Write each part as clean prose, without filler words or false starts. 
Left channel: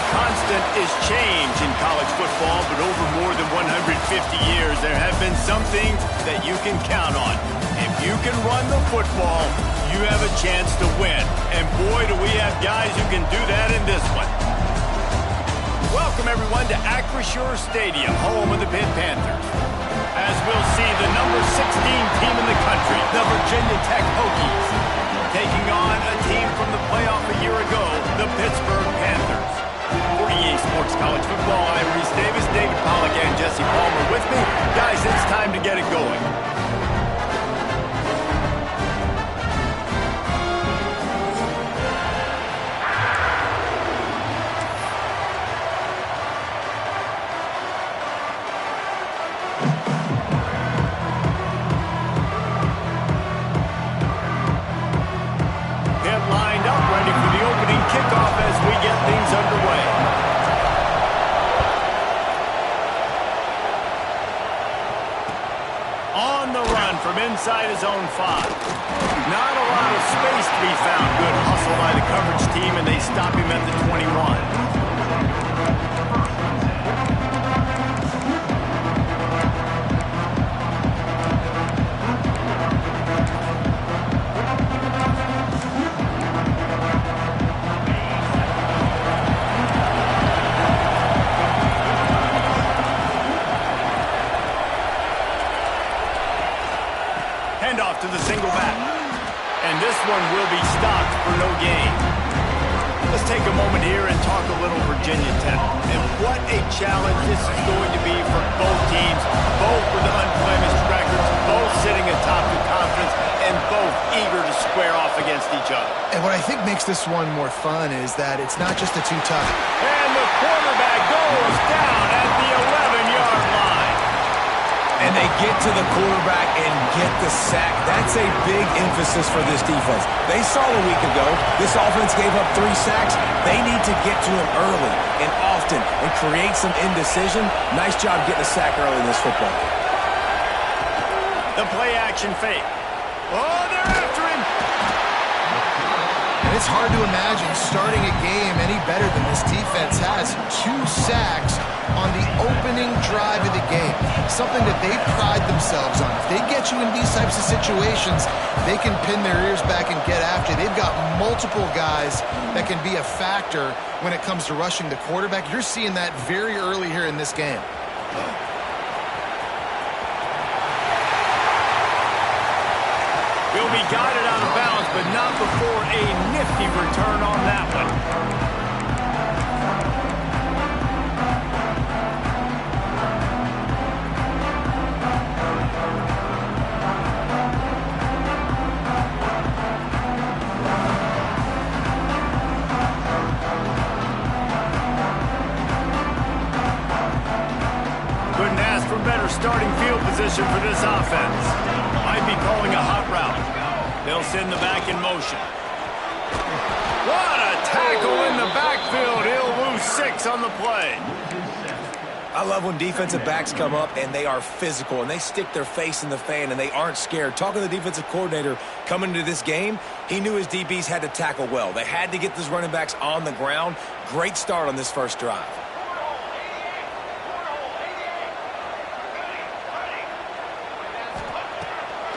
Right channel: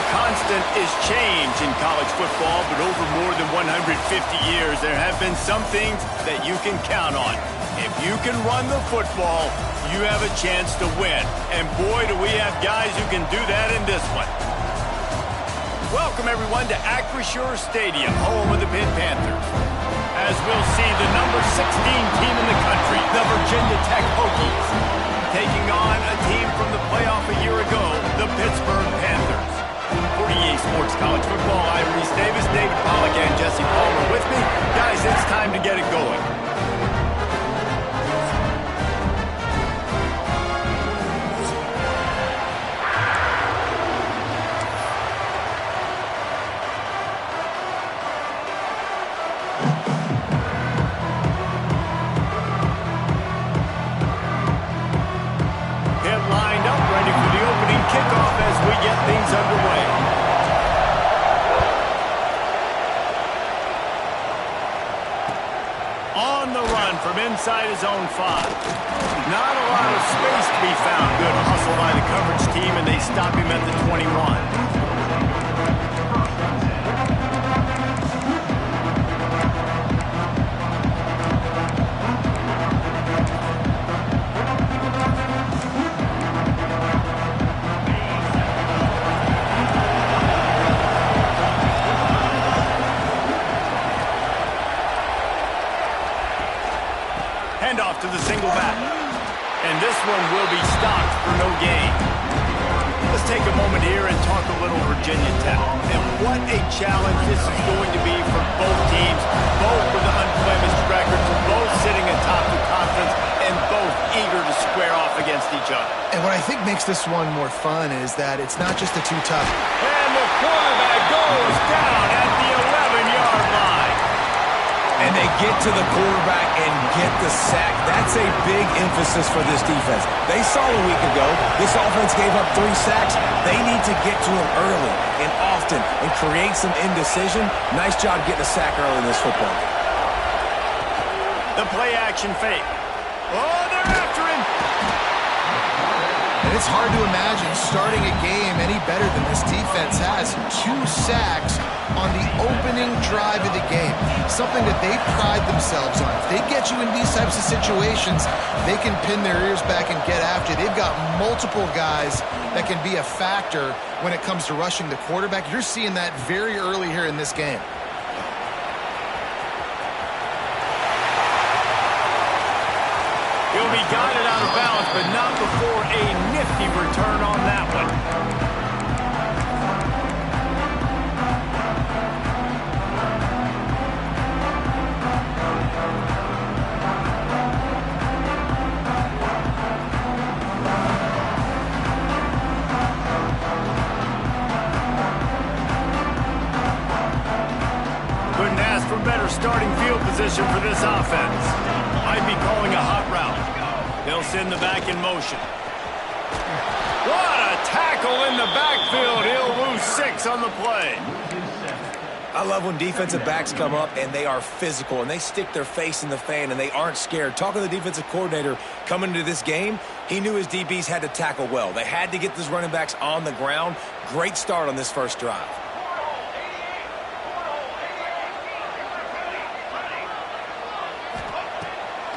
only constant is change in college football, but over more than 150 years, there have been some things that you can count on. If you can run the football, you have a chance to win. And boy, do we have guys who can do that in this one. Welcome, everyone, to Acrisure Stadium, home of the Pitt Panthers. As we'll see the number 16 team in the country, the Virginia Tech Hokies, taking on a team from the playoff a year ago, the Pittsburgh Panthers. For EA Sports College Football, I'm Reese Davis, David Pollack, and Jesse Palmer with me. Guys, it's time to get it going. Kickoff as we get things underway. On the run from inside his own 5. Not a lot of space to be found. Good hustle by the coverage team, and they stop him at the 21. Handoff to the single back. And this one will be stopped for no gain. Let's take a moment here and talk a little Virginia Tech. And what a challenge this is going to be for both teams, both with unblemished records, both sitting atop the conference, and both eager to square off against each other. And what I think makes this one more fun is that it's not just a two-tough. And the quarterback goes down at the 11-yard line. And they get to the quarterback and get the sack. That's a big emphasis for this defense. They saw a week ago, this offense gave up 3 sacks. They need to get to him early and often and create some indecision. Nice job getting a sack early in this football game. The play action fake. Oh, they're after him. And it's hard to imagine starting a game any better than this defense has. 2 sacks on the opening drive of the game. Something that they pride themselves on. If they get you in these types of situations, they can pin their ears back and get after. They've got multiple guys that can be a factor when it comes to rushing the quarterback. You're seeing that very early here in this game. He'll be guided out of bounds, but not before a nifty return on that one. Couldn't ask for better starting field position for this offense. Might be calling a hot route. They'll send the back in motion. What a tackle in the backfield. He'll lose 6 on the play. I love when defensive backs come up and they are physical and they stick their face in the fan and they aren't scared. Talking to the defensive coordinator coming into this game, he knew his DBs had to tackle well. They had to get those running backs on the ground. Great start on this first drive.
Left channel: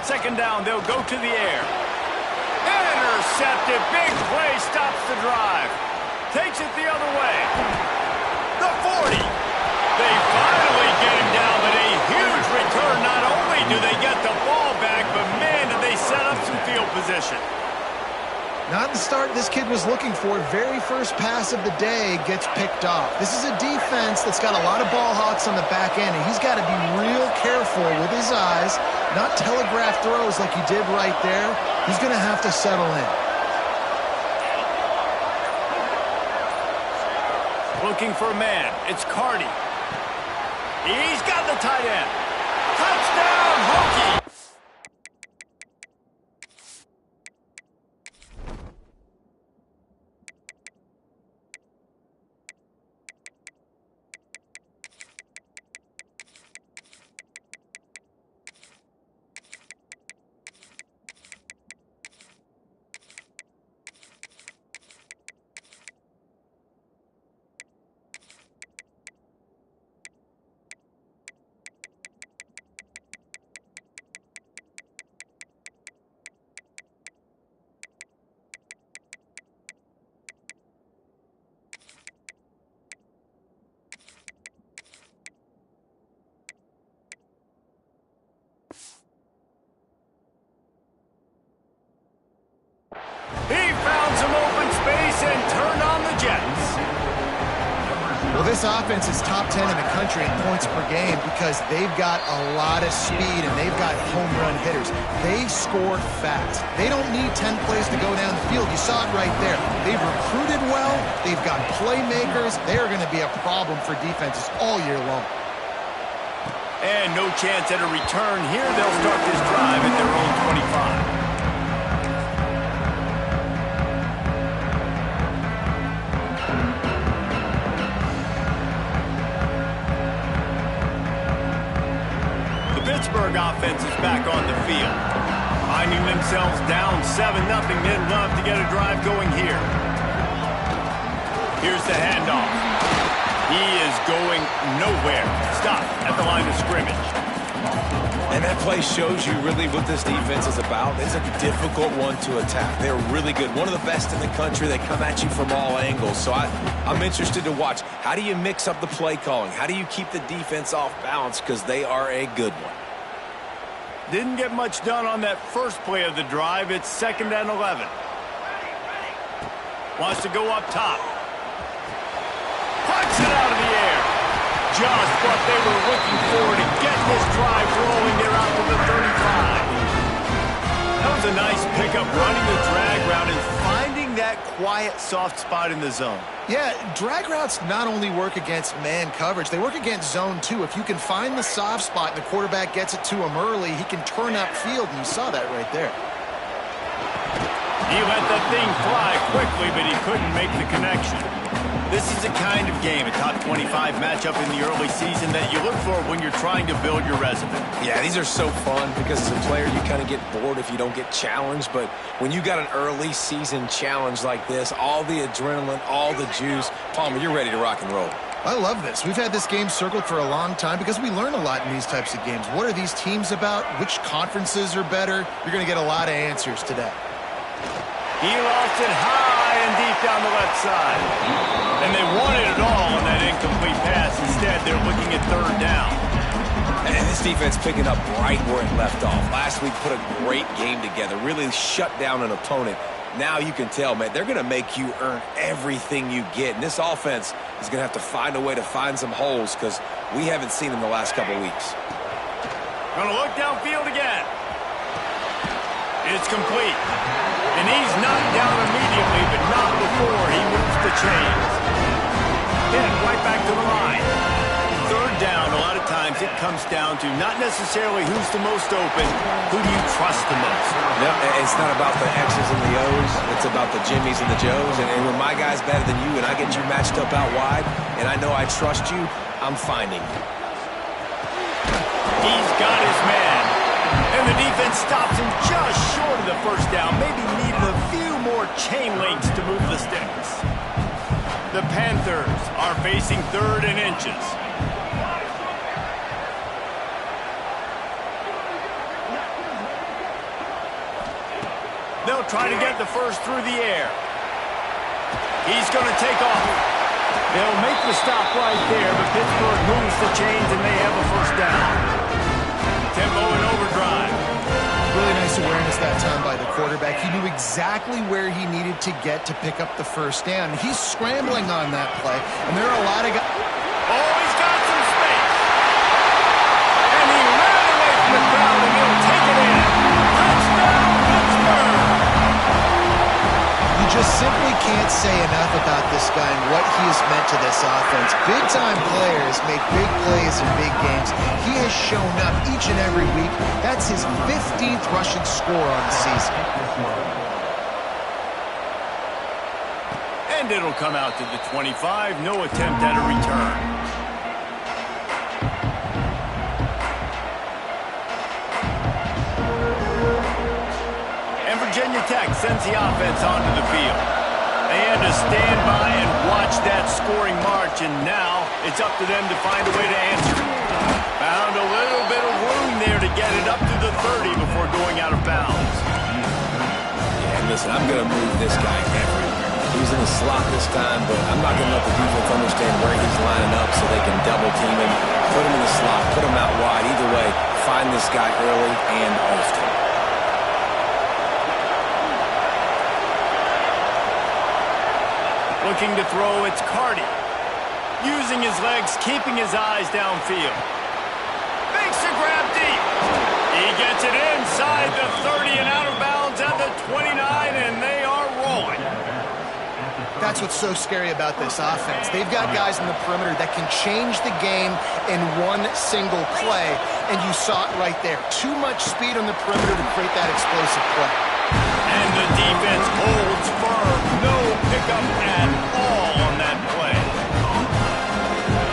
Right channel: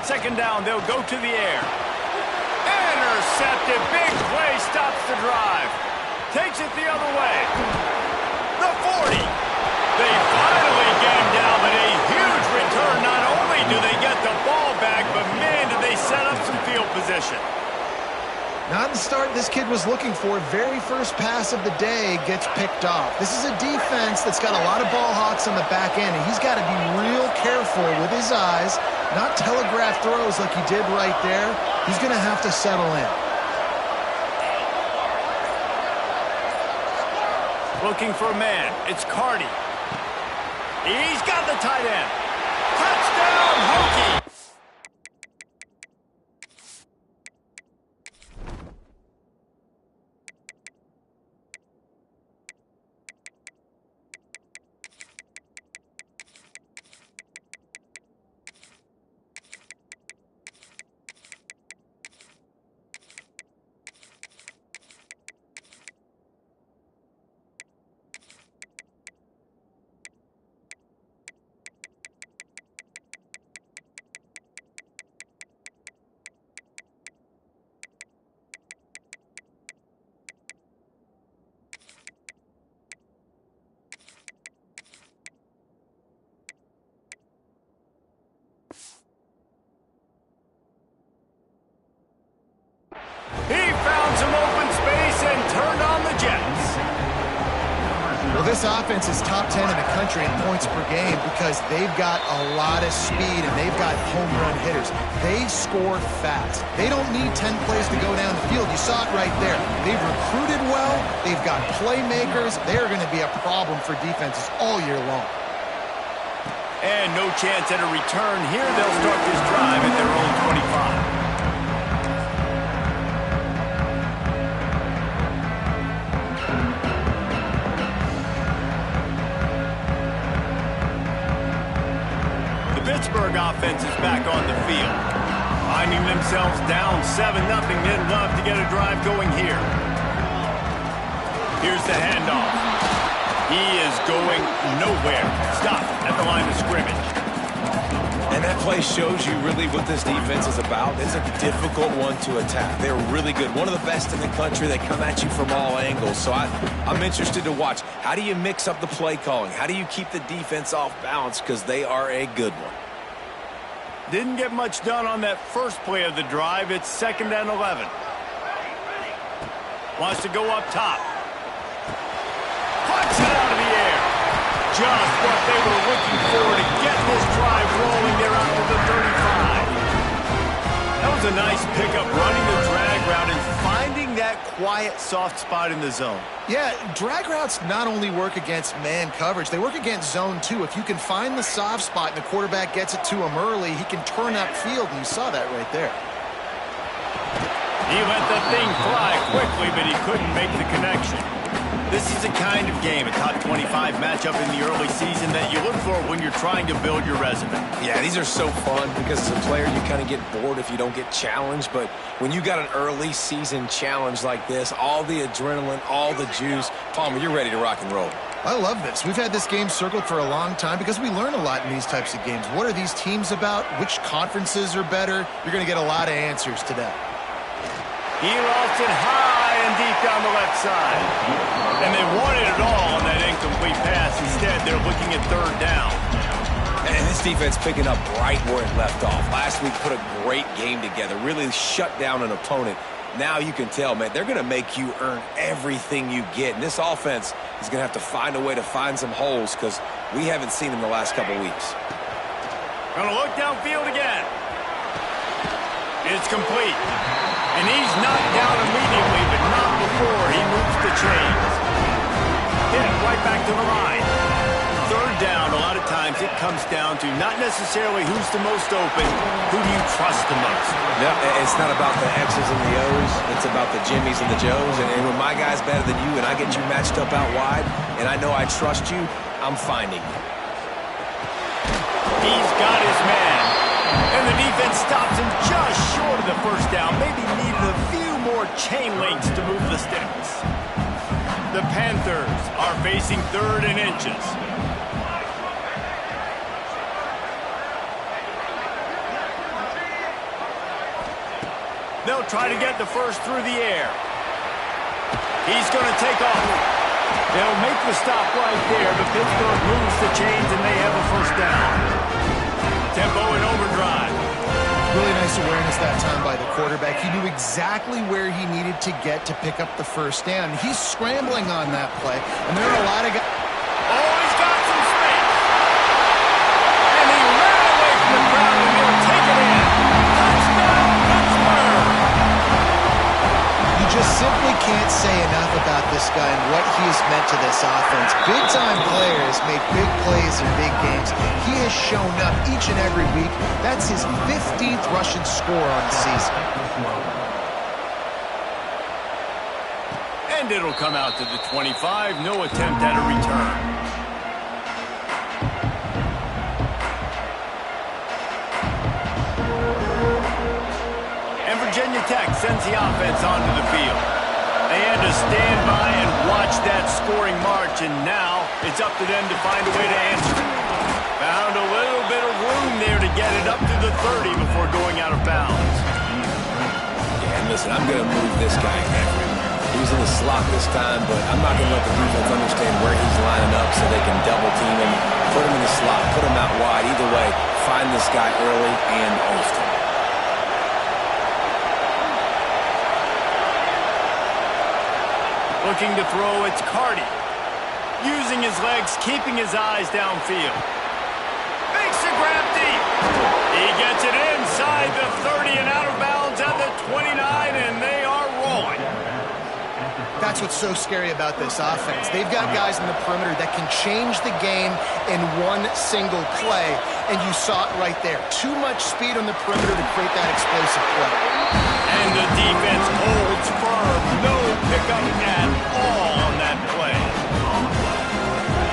Second down, they'll go to the air. Intercepted. Big play stops the drive. Takes it the other way. The 40. They finally get him down, but a huge return. Not only do they get the ball back, but man, did they set up some field position. Not the start this kid was looking for. Very first pass of the day gets picked off. This is a defense that's got a lot of ball hawks on the back end, and he's got to be real careful with his eyes, not telegraph throws like he did right there. He's going to have to settle in. Looking for a man. It's Cardi. He's got the tight end. Touchdown, Hokie! turned on the Jets. Well, this offense is top 10 in the country in points per game because they've got a lot of speed and they've got home run hitters. They score fast. They don't need 10 plays to go down the field. You saw it right there. They've recruited well. They've got playmakers. They're going to be a problem for defenses all year long. And no chance at a return here. They'll start this drive at their own 25. Pittsburgh offense is back on the field. Finding themselves down 7-0, they'd love to get a drive going here. Here's the handoff. He is going nowhere. Stop at the line of scrimmage. And that play shows you really what this defense is about. It's a difficult one to attack. They're really good. One of the best in the country. They come at you from all angles. So I'm interested to watch. How do you mix up the play calling? How do you keep the defense off balance? Because they are a good one. Didn't get much done on that first play of the drive. It's 2nd and 11. Wants to go up top. Punts it out of the air. Just what they were looking for to get this drive rolling. They're out to the 35. That was a nice pickup, running the drag route and finding that quiet, soft spot in the zone. Yeah, drag routes not only work against man coverage, they work against zone too. If you can find the soft spot and the quarterback gets it to him early, he can turn upfield, and you saw that right there. He let the thing fly quickly, but he couldn't make the connection. This is a kind of game, a top 25 matchup in the early season that you look for when you're trying to build your resume. Yeah, these are so fun because as a player you kind of get bored if you don't get challenged. But when you got an early season challenge like this, all the adrenaline, all the juice, Palmer, you're ready to rock and roll. I love this. We've had this game circled for a long time because we learn a lot in these types of games. What are these teams about? Which conferences are better? You're going to get a lot of answers today. He lost it high and deep down the left side. And they wanted it all on that incomplete pass. Instead, they're looking at 3rd down. And this defense picking up right where it left off. Last week put a great game together, really shut down an opponent. Now you can tell, man, they're going to make you earn everything you get. And this offense is going to have to find a way to find some holes because we haven't seen them the last couple weeks. Going to look downfield again. It's complete. And he's knocked down immediately, but not before he moves the chains. Hit right back to the line. 3rd down, a lot of times it comes down to not necessarily who's the most open, who do you trust the most? No, it's not about the X's and the O's. It's about the Jimmies and the Joes. And when my guy's better than you and I get you matched up out wide and I know I trust you, I'm finding you. He's got his man. And the defense stops him just short of the 1st down. Maybe needed a few more chain links to move the sticks. The Panthers are facing 3rd and inches. They'll try to get the first through the air. He's going to take off. They'll make the stop right there, but Pittsburgh moves the chains and they have a 1st down. Tempo in overdrive. Really nice awareness that time by the quarterback. He knew exactly where he needed to get to pick up the 1st down. He's scrambling on that play, and there are a lot of guys. Oh, he's got some space. And he ran away from the crowd, and he'll take it in. Touchdown, Pittsburgh. You just simply can't say enough about this guy and what he has meant to this offense. Big-time players make big plays in big games. He has shown up each and every week. That's his 15th rushing score on the season. And it'll come out to the 25. No attempt at a return. And Virginia Tech sends the offense onto the field. They had to stand by and watch that scoring march, and now it's up to them to find a way to answer it. Found a little bit of room there to get it up to the 30 before going out of bounds. Yeah, and listen, I'm going to move this guy everywhere. He's in the slot this time, but I'm not going to let the defense understand where he's lining up so they can double team him, put him in the slot, put him out wide. Either way, find this guy early and often. Looking to throw, it's Cardi. Using his legs, keeping his eyes downfield. Makes a grab deep. He gets it inside the 30 and out of bounds at the 29, and they are rolling. That's what's so scary about this offense. They've got guys in the perimeter that can change the game in one single play, and you saw it right there. Too much speed on the perimeter to create that explosive play. And the defense holds firm. No pickup at all on that play.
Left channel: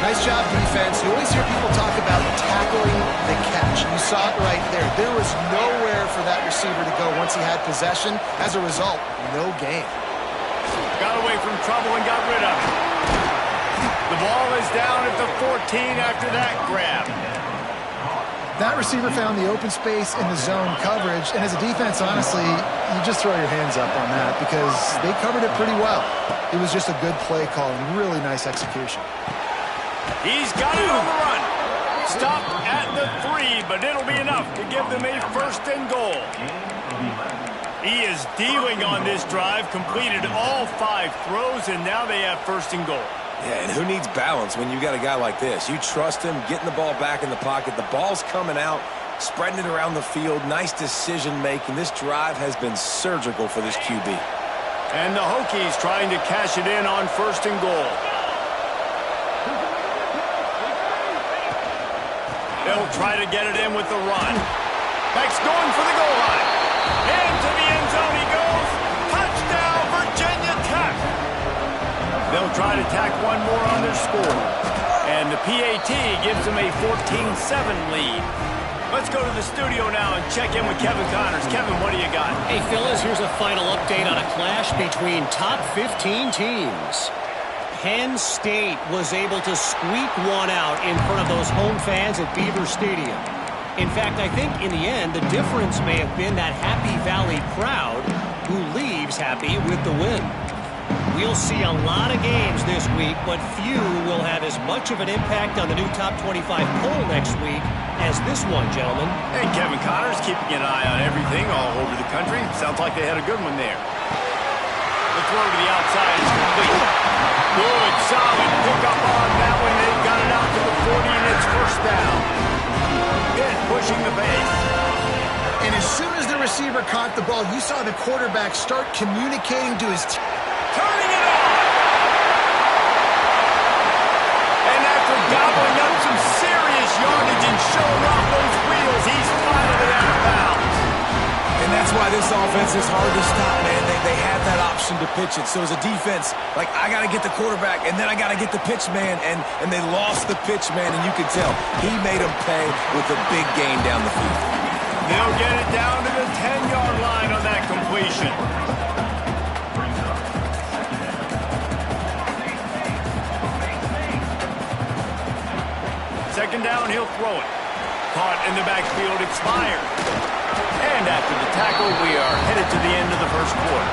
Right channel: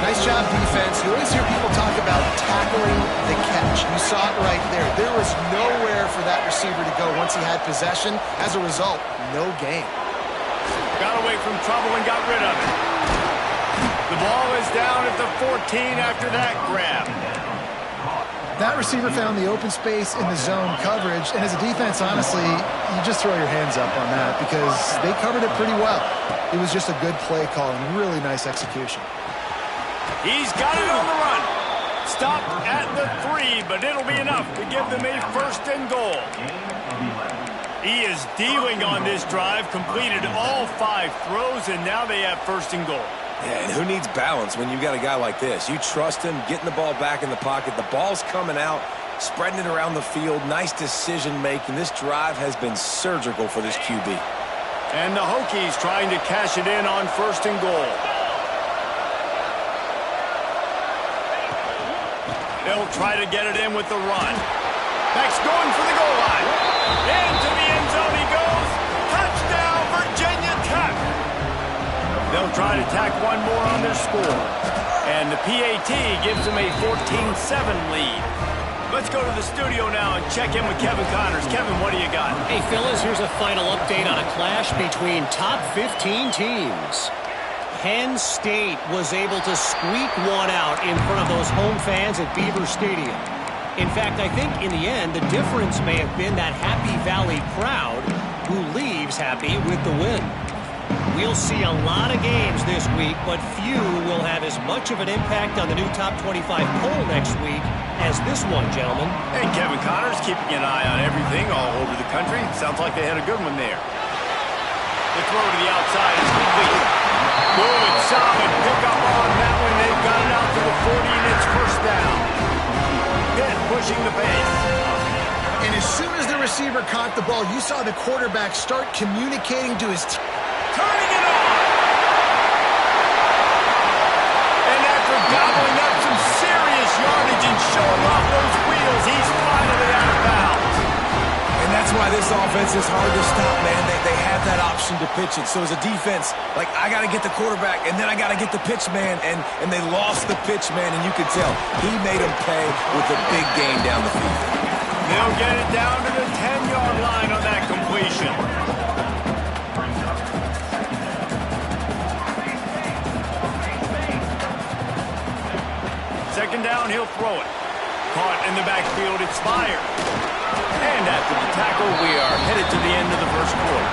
Nice job, defense. You always hear people talk about tackling the catch. You saw it right there. There was nowhere for that receiver to go once he had possession. As a result, no gain. Got away from trouble and got rid of it. The ball is down at the 14 after that grab. That receiver found the open space in the zone coverage, and as a defense, honestly, you just throw your hands up on that because they covered it pretty well. It was just a good play call and really nice execution. He's got it on the run. Stop at the 3, but it'll be enough to give them a first and goal. He is dealing on this drive, completed all 5 throws, and now they have first and goal. Yeah, and who needs balance when you've got a guy like this? You trust him, getting the ball back in the pocket. The ball's coming out, spreading it around the field. Nice decision-making. This drive has been surgical for this QB. And the Hokies trying to cash it in on first and goal. They'll try to get it in with the run. Beck's going for the goal line. Into the end zone he goes. Touchdown, Virginia Tech. They'll try to tack one more on their score. And the PAT gives them a 14-7 lead. Let's go to the studio now and check in with Kevin Connors. Kevin, what do you got? Hey, Phyllis, here's a final update on a clash between top 15 teams. Penn State was able to squeak one out in front of those home fans at Beaver Stadium. In fact, I think in the end, the difference may have been that Happy Valley crowd who leaves happy with the win. We'll see a lot of games this week, but few will have as much of an impact on the new top 25 poll next week as this one, gentlemen. Hey, Kevin Connors keeping an eye on everything all over the country. Sounds like they had a good one there. The throw to the outside is complete. Good, solid pickup on that one. They've got it out to the 40, and it's first down. Pitt pushing the pace. And as soon as the receiver caught the ball, you saw the quarterback start communicating to his team. Turning it on. And after gobbling up some serious yardage and showing off those wheels, he's finally out of bounds. And that's why this offense is hard to stop, man. They have that option to pitch it. So as a defense, like, I got to get the quarterback, and then I got to get the pitch man, and they lost the pitch man, and you could tell he made them pay with a big gain down the field. They'll get it down to the 10-yard line on that completion. Second down, he'll throw it. Caught in the backfield, it's fired. And after the tackle, we are headed to the end of the first quarter.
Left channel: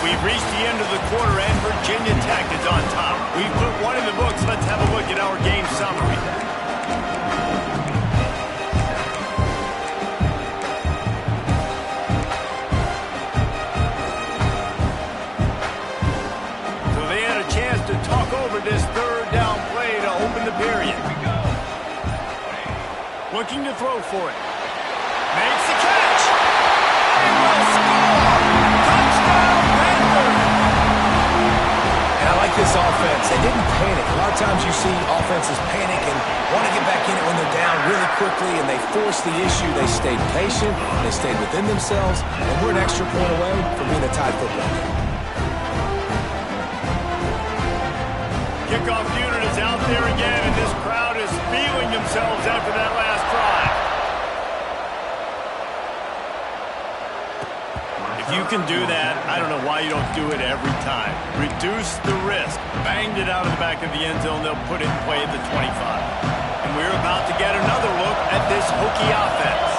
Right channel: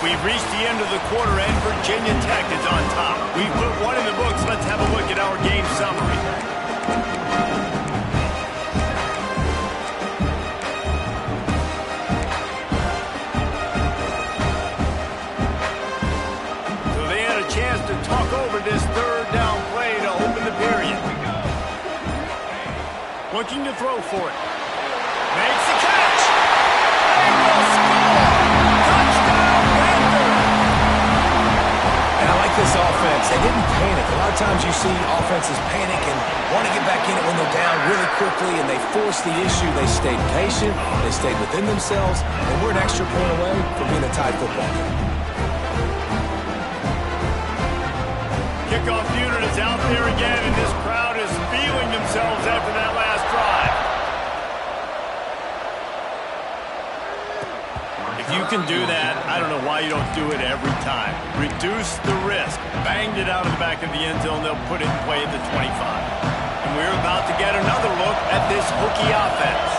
We've reached the end of the quarter, and Virginia Tech is on top. We've put one in the books. Let's have a look at our game summary. So they had a chance to talk over this third down play to open the period. Looking to throw for it. Makes the catch. They will score. Touchdown, Panthers. And I like this offense. They didn't panic. A lot of times you see offenses panic and want to get back in it when they're down really quickly, and they forced the issue. They stayed patient. They stayed within themselves, and we're an extra point away from being a tied football game. Kickoff unit is out there again, and this crowd is feeling themselves after that last drive. If you can do that, I don't know why you don't do it every time. Reduce the risk. Banged it out of the back of the end zone. They'll put it in play at the 25. And we're about to get another look at this Hokie offense.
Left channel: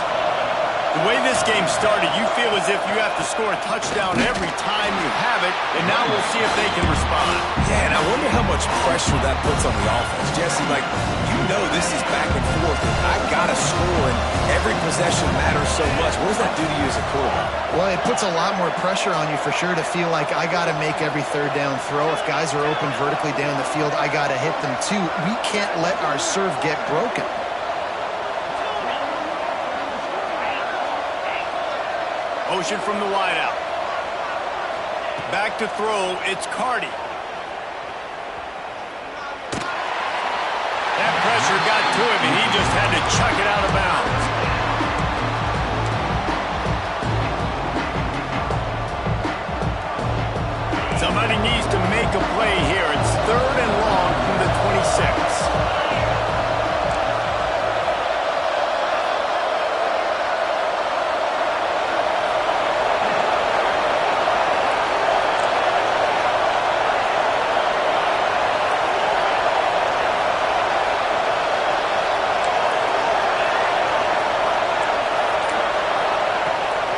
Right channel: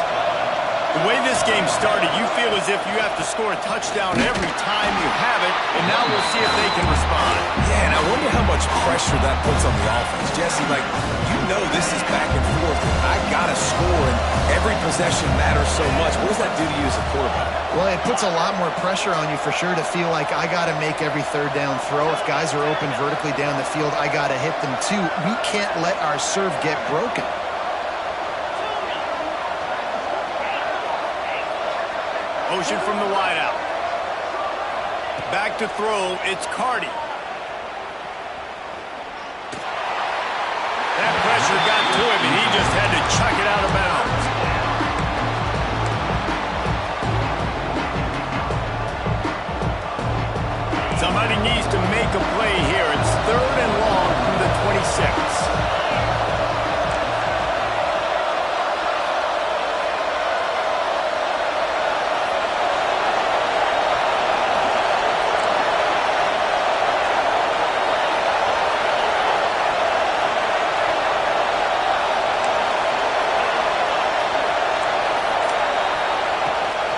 The way this game started, you feel as if you have to score a touchdown every time you have it, and now we'll see if they can respond. Yeah, and I wonder how much pressure that puts on the offense. Jesse, like, you know this is back and forth, and I got to score, and every possession matters so much. What does that do to you as a quarterback? Well, it puts a lot more pressure on you for sure to feel like I got to make every third down throw. If guys are open vertically down the field, I got to hit them too. We can't let our serve get broken. Motion from the wideout. Back to throw, it's Carty. That pressure got to him, and he just had to chuck it out of bounds. Somebody needs to make a play here. It's 3rd and long from the 26.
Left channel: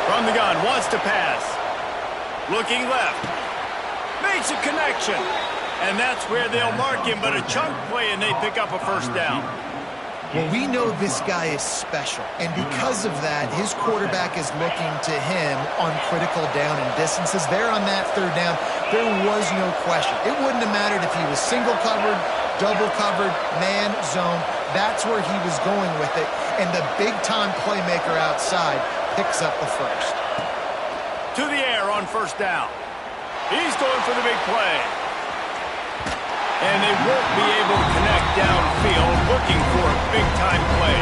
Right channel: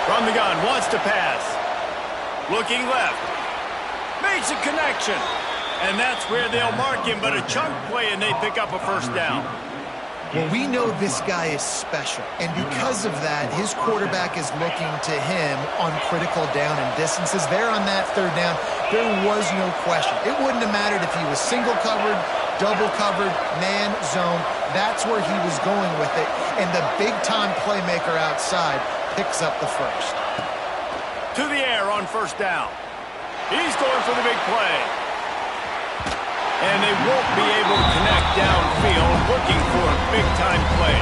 From the gun, wants to pass. Looking left. Makes a connection. And that's where they'll mark him, but a chunk play and they pick up a first down. Well, we know this guy is special, and because of that, his quarterback is looking to him on critical down and distances. There on that third down, there was no question. It wouldn't have mattered if he was single covered, double covered, man, zone. That's where he was going with it, and the big-time playmaker outside picks up the first. To the air on first down. He's going for the big play. And they won't be able to connect downfield, looking for a big-time play.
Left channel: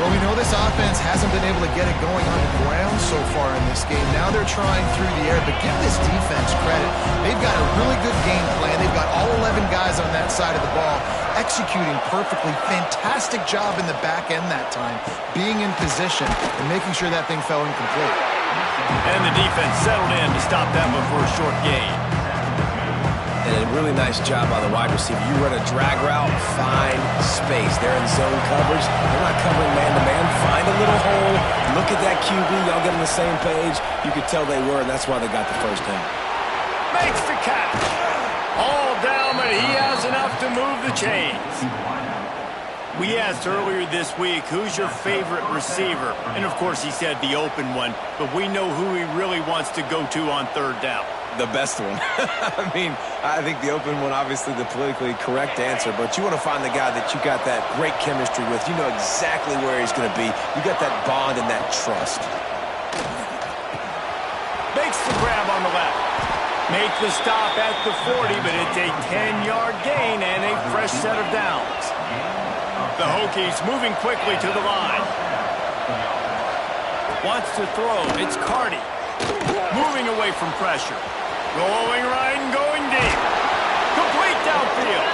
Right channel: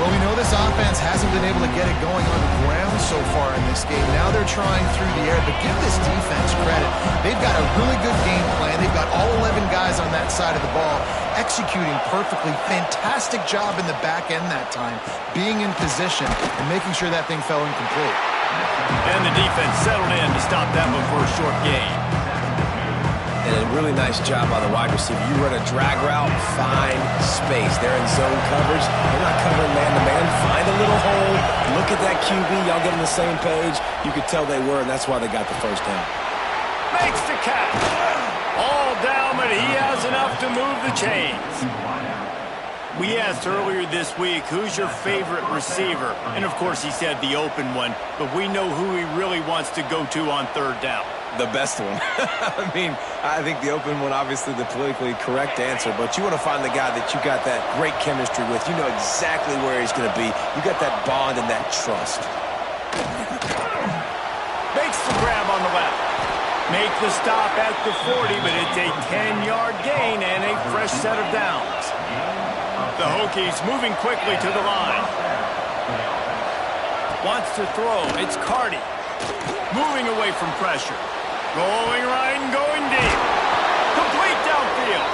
Well, we know this offense hasn't been able to get it going on the ground so far in this game. Now they're trying through the air, but give this defense credit. They've got a really good game plan. They've got all 11 guys on that side of the ball executing perfectly. Fantastic job in the back end that time, being in position and making sure that thing fell incomplete. And the defense settled in to stop that one for a short gain. And a really nice job by the wide receiver. You run a drag route, find space. They're in zone coverage. They're not covering man-to-man. Find a little hole. Look at that QB. Y'all get on the same page. You could tell they were, and that's why they got the first down. Makes the catch. All down, but he has enough to move the chains. We asked earlier this week, who's your favorite receiver? And, of course, he said the open one, but we know who he really wants to go to on third down. The best one. I mean, I think the open one, obviously the politically correct answer, but you want to find the guy that you got that great chemistry with. You know exactly where he's going to be. You got that bond and that trust. Makes the grab on the left. Make the stop at the 40, but it's a 10-yard gain and a fresh set of downs. The Hokies moving quickly to the line. Wants to throw. It's Carty. Moving away from pressure. Going right and going deep. Complete downfield.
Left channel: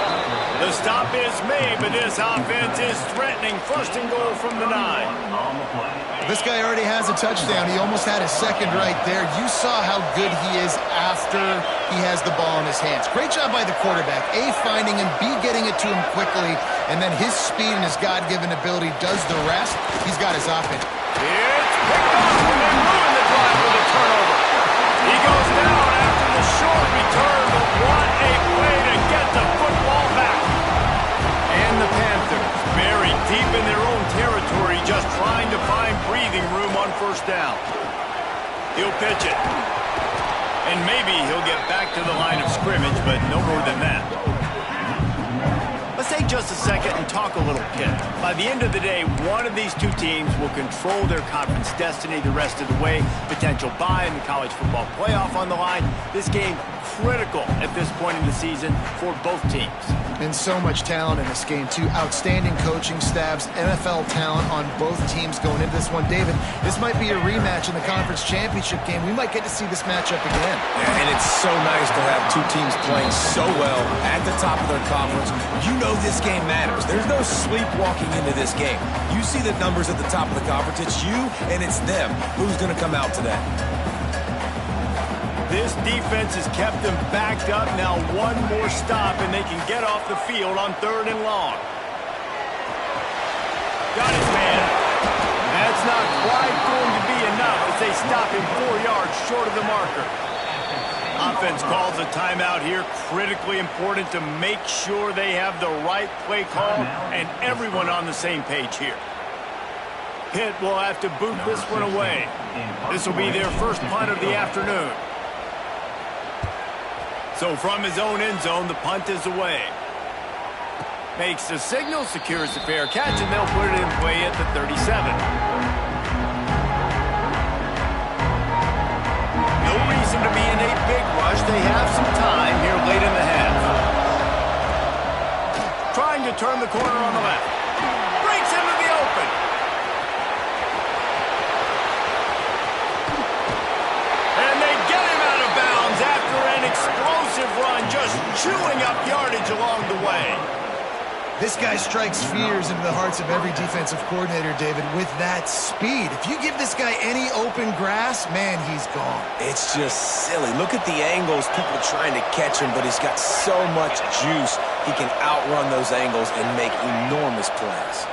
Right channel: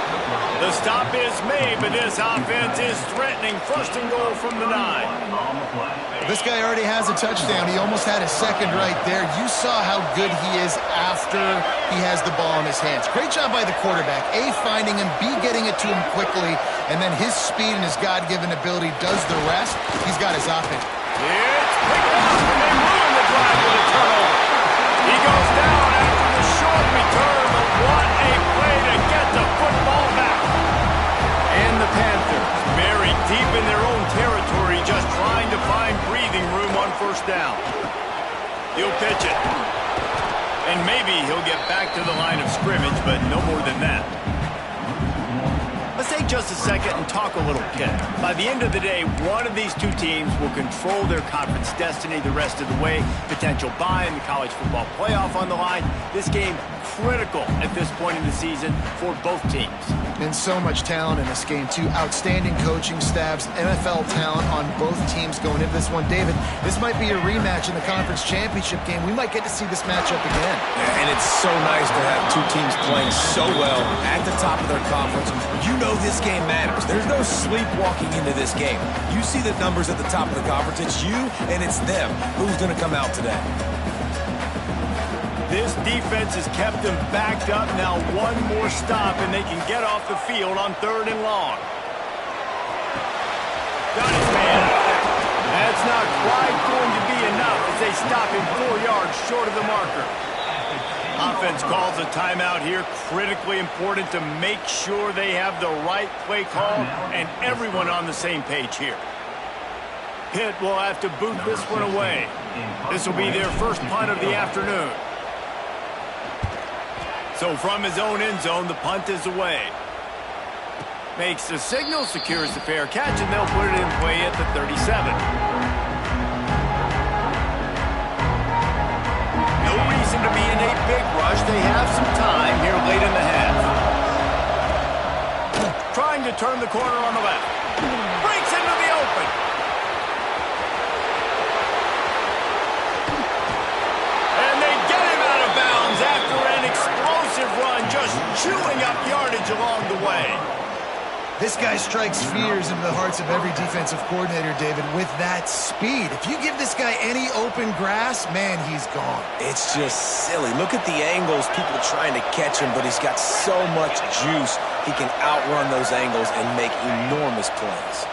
The stop is made, but this offense is threatening. First and goal from the 9. This guy already has a touchdown. He almost had his second right there. You saw how good he is after he has the ball in his hands. Great job by the quarterback. A, finding him. B, getting it to him quickly. And then his speed and his God-given ability does the rest. He's got his offense. It's picked off, and they ruin the drive with a turnover. He goes down after the short return, but what a play to get the football back. And the Panthers buried deep in their own territory, just trying to find breathing room on first down. He'll pitch it. And maybe he'll get back to the line of scrimmage, but no more than that. Let's take just a second and talk a little pick. By the end of the day, one of these two teams will control their conference destiny the rest of the way. Potential bye in the college football playoff on the line. This game critical at this point in the season for both teams. And so much talent in this game, too. Outstanding coaching staffs, NFL talent on both teams going into this one. David, this might be a rematch in the conference championship game. We might get to see this matchup again. Yeah, and it's so nice to have two teams playing so well at the top of their conference. You know this game matters. There's no sleepwalking into this game. You see the numbers at the top of the conference. It's you and it's them. Who's going to come out today? This defense has kept them backed up. Now one more stop, and they can get off the field on third and long. Got his man. That's That's not quite going to be enough as they stop him 4 yards short of the marker. Offense calls a timeout here. Critically important to make sure they have the right play call and everyone on the same page here. Pitt will have to boot this one away. This will be their first punt of the afternoon. So from his own end zone, the punt is away. Makes the signal, secures the fair catch, and they'll put it in play at the 37. No reason to be in a big rush. They have some time here late in the half. Trying to turn the corner on the left. Breaks into the open. And they get him out of bounds after an explosive run, just chewing up yardage along the way. This guy strikes fears into the hearts of every defensive coordinator, David, with that speed. If you give this guy any open grass, man, he's gone. It's just silly. Look at the angles, people trying to catch him, but he's got so much juice. He can outrun those angles and make enormous plays.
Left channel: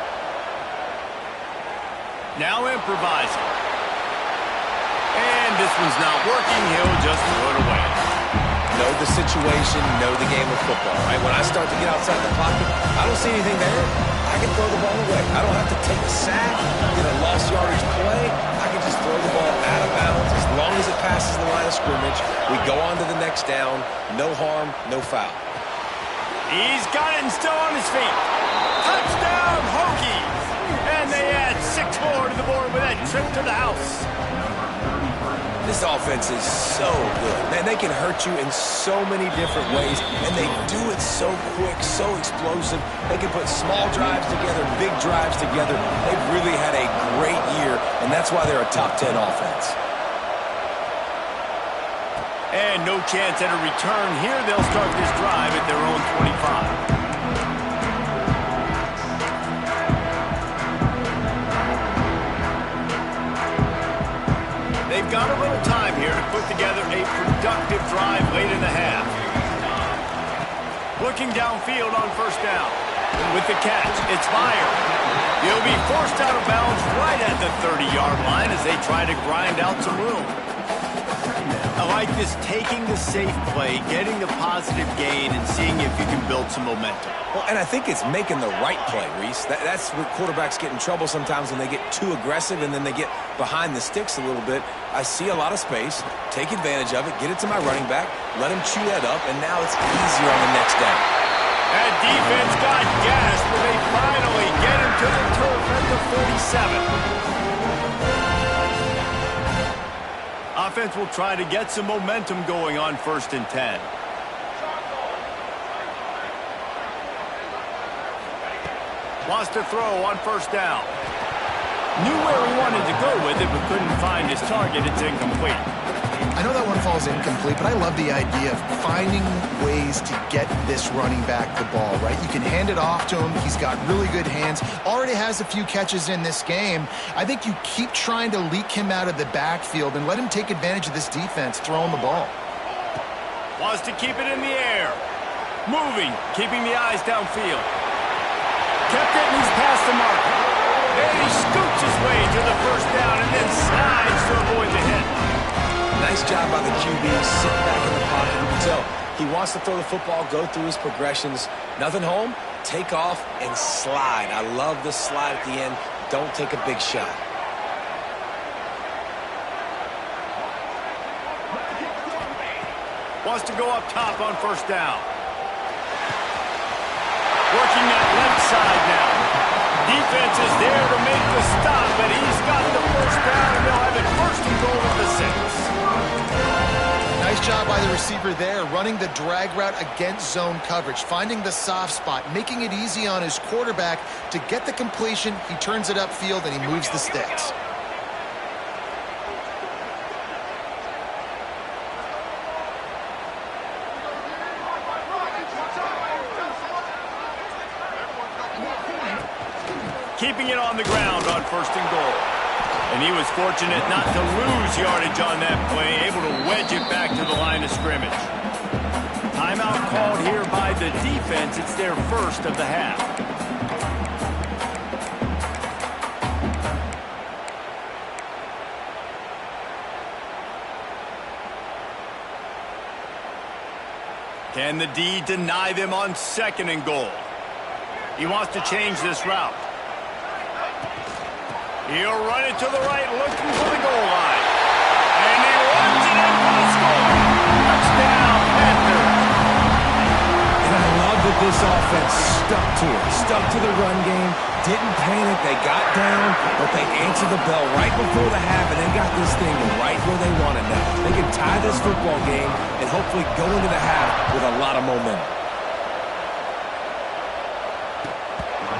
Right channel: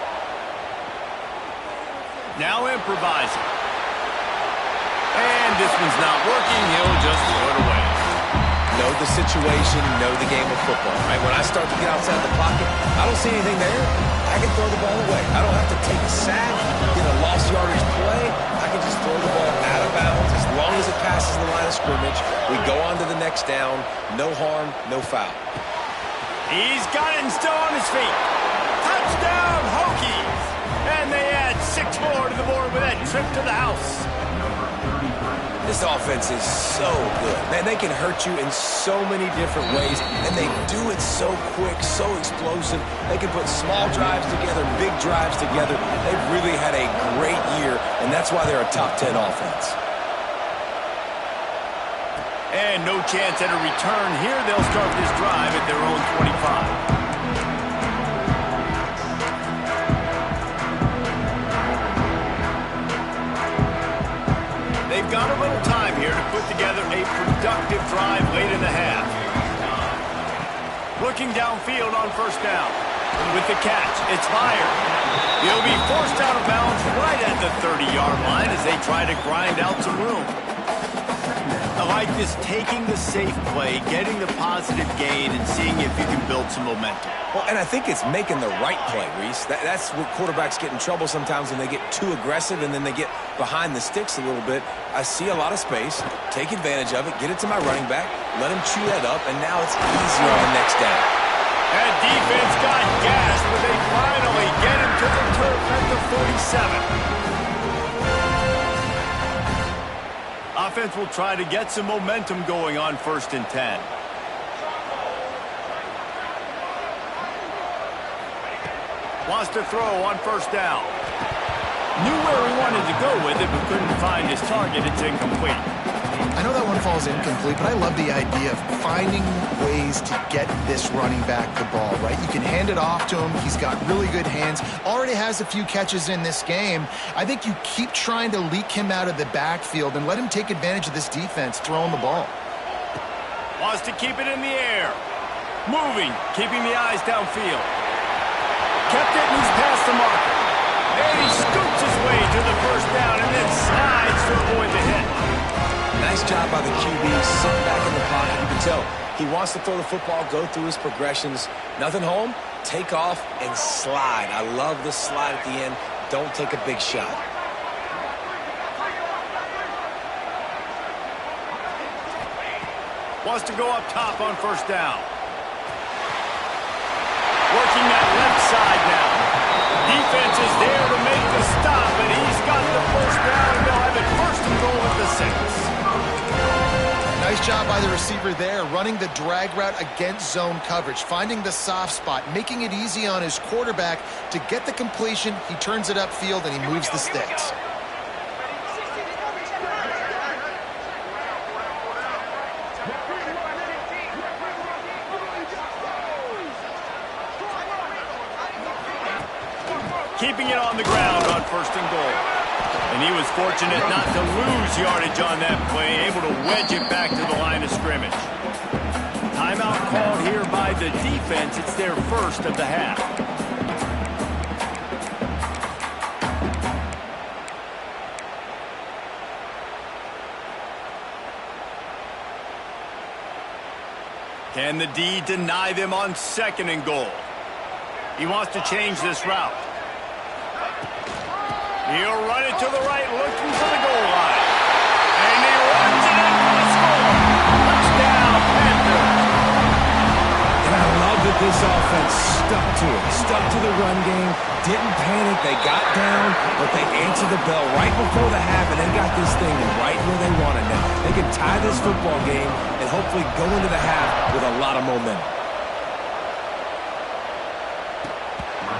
Now improvising. And this one's not working. He'll just throw it away. Know the situation, know the game of football, right? When I start to get outside the pocket, I don't see anything there. I can throw the ball away. I don't have to take a sack, get a lost yardage play. I can just throw the ball out of bounds as long as it passes the line of scrimmage. We go on to the next down. No harm, no foul. He's got it and still on his feet. Touchdown, Hokies! And they add 6 more to the board with that trip to the house. This offense is so good. Man, they can hurt you in so many different ways, and they do it so quick, so explosive. They can put small drives together, big drives together. They've really had a great year, and that's why they're a top 10 offense. And no chance at a return here. They'll start this drive at their own 25. They've got a little time here to put together a productive drive late in the half. Looking downfield on first down. With the catch, it's fired. He'll be forced out of bounds right at the 30-yard line as they try to grind out some room. I like this, taking the safe play, getting the positive gain, and seeing if you can build some momentum. Well, and I think it's making the right play, Reese. That's what quarterbacks get in trouble sometimes when they get too aggressive and then they get behind the sticks a little bit. I see a lot of space, take advantage of it, get it to my running back, let him chew that up, and now it's easier on the next down. That defense got gassed, but they finally get him to the turf at the 47. Offense will try to get some momentum going on 1st and 10. Wants to throw on first down. Knew where he wanted to go with it, but couldn't find his target. It's incomplete. I know that one falls incomplete, but I love the idea of finding ways to get this running back the ball, right? You can hand it off to him. He's got really good hands. Already has a few catches in this game. I think you keep trying to leak him out of the backfield and let him take advantage of this defense throwing the ball. Wants to keep it in the air. Moving, keeping the eyes downfield. Kept it and he's past the marker. And he scoots his way to the first down and then slides to avoid the hit. Nice job by the QB, sitting back in the pocket. You can tell he wants to throw the football, go through his progressions. Nothing home, take off, and slide. I love the slide at the end. Don't take a big shot. Wants to go up top on first down. Working that left side now. Defense is there to make the stop, and he's got the first down, and they'll have it 1st and goal at the 6. Nice job by the receiver there, running the drag route against zone coverage, finding the soft spot, making it easy on his quarterback to get the completion. He turns it upfield, and he moves the sticks. Keeping it on the ground on 1st and goal. And he was fortunate not to lose yardage on that play, able to wedge it back to the line of scrimmage. Timeout called here by the defense. It's their 1st of the half. Can the D deny them on 2nd and goal? He wants to change this route. He'll run it to the right, looking for the goal line. And he runs it in for the score. Touchdown, Panthers. And I love that this offense stuck to it, stuck to the run game, didn't panic. They got down, but they answered the bell right before the half, and they got this thing right where they want it now. They can tie this football game and hopefully go into the half with a lot of momentum.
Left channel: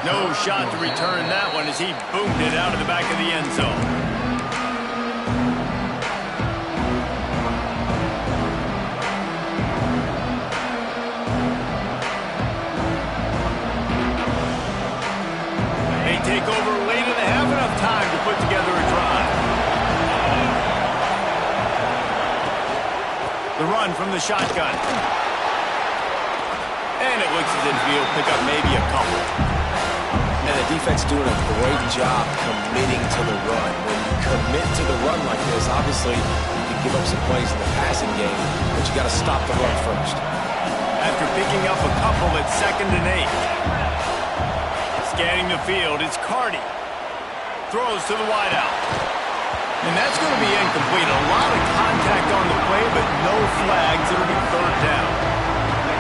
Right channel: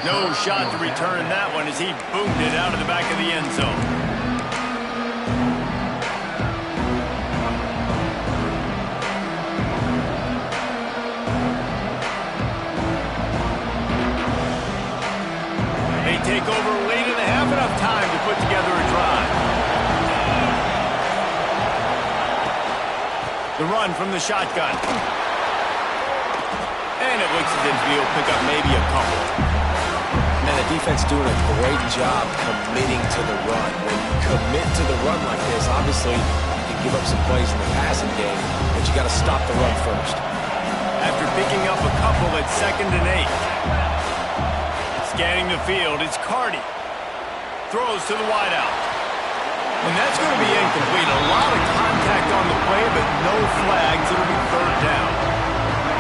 No shot to return that one as he boomed it out of the back of the end zone. They take over late in the half, enough time to put together a drive. The run from the shotgun. And it looks as if he'll pick up maybe a couple. And the defense doing a great job committing to the run. When you commit to the run like this, obviously you can give up some plays in the passing game, but you got to stop the run first. After picking up a couple at 2nd and 8. Scanning the field, it's Cardi. Throws to the wideout. And that's going to be incomplete. A lot of contact on the play, but no flags. It'll be 3rd down.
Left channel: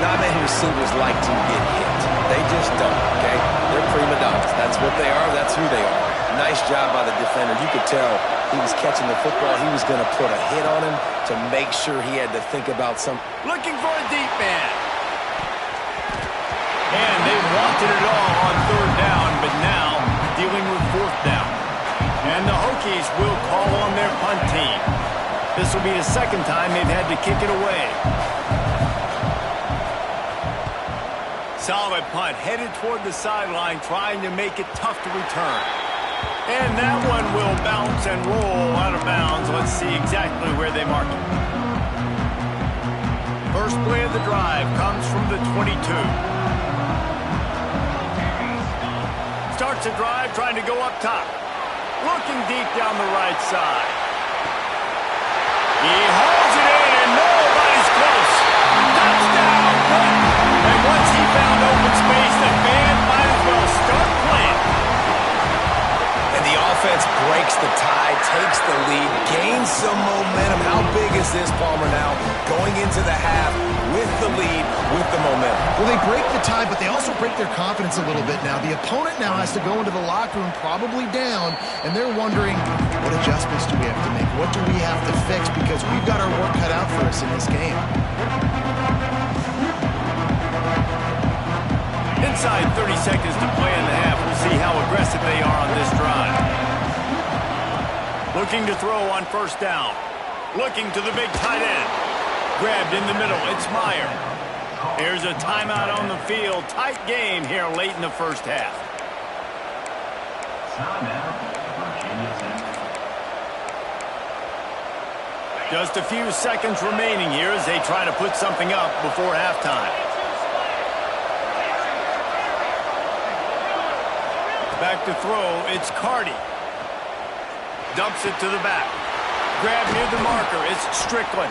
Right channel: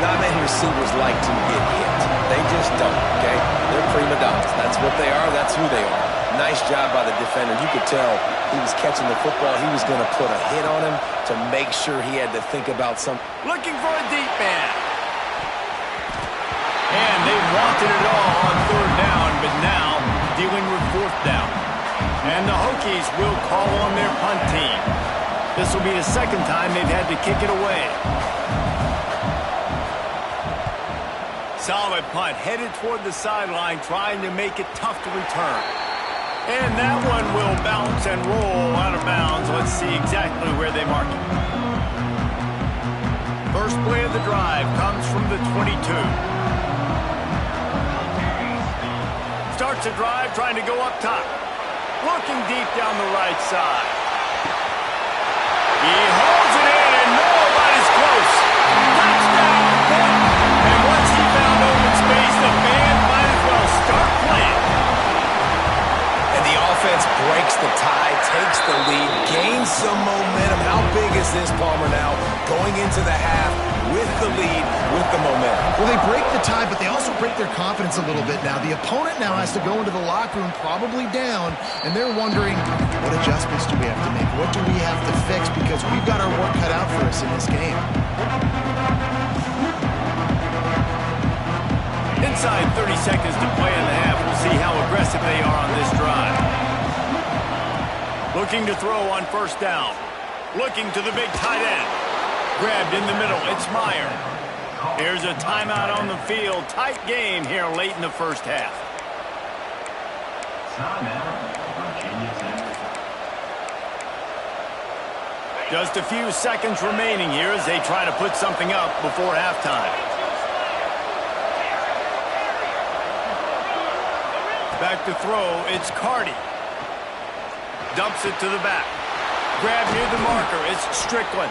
Not many receivers like to get hit. They just don't, okay? They're prima donnas. That's what they are. That's who they are. Nice job by the defender. You could tell he was catching the football. He was going to put a hit on him to make sure he had to think about some. Looking for a deep man. And they wanted it all on 3rd down, but now dealing with 4th down. And the Hokies will call on their punt team. This will be the 2nd time they've had to kick it away. Solid punt, headed toward the sideline, trying to make it tough to return. And that one will bounce and roll out of bounds. Let's see exactly where they mark it. First play of the drive comes from the 22. Starts a drive, trying to go up top. Looking deep down the right side. He holds it in, and nobody's close. Touchdown, Pitt! And once he found open space, the band might as well start playing. And the offense breaks the tie, takes the lead, gains some momentum. How big is this, Palmer, now? Going into the half with the lead, with the momentum. Well, they break the tie, but they also break their confidence a little bit now. The opponent now has to go into the locker room probably down, and they're wondering, what adjustments do we have to make? What do we have to fix? Because we've got our work cut out for us in this game. Inside 30 seconds to play in the half. We'll see how aggressive they are on this drive. Looking to throw on 1st down. Looking to the big tight end. Grabbed in the middle. It's Meyer. Here's a timeout on the field. Tight game here late in the 1st half. Timeout, Virginia Tech. Just a few seconds remaining here as they try to put something up before halftime. Back to throw, it's Cardi. Dumps it to the back. Grab near the marker, it's Strickland.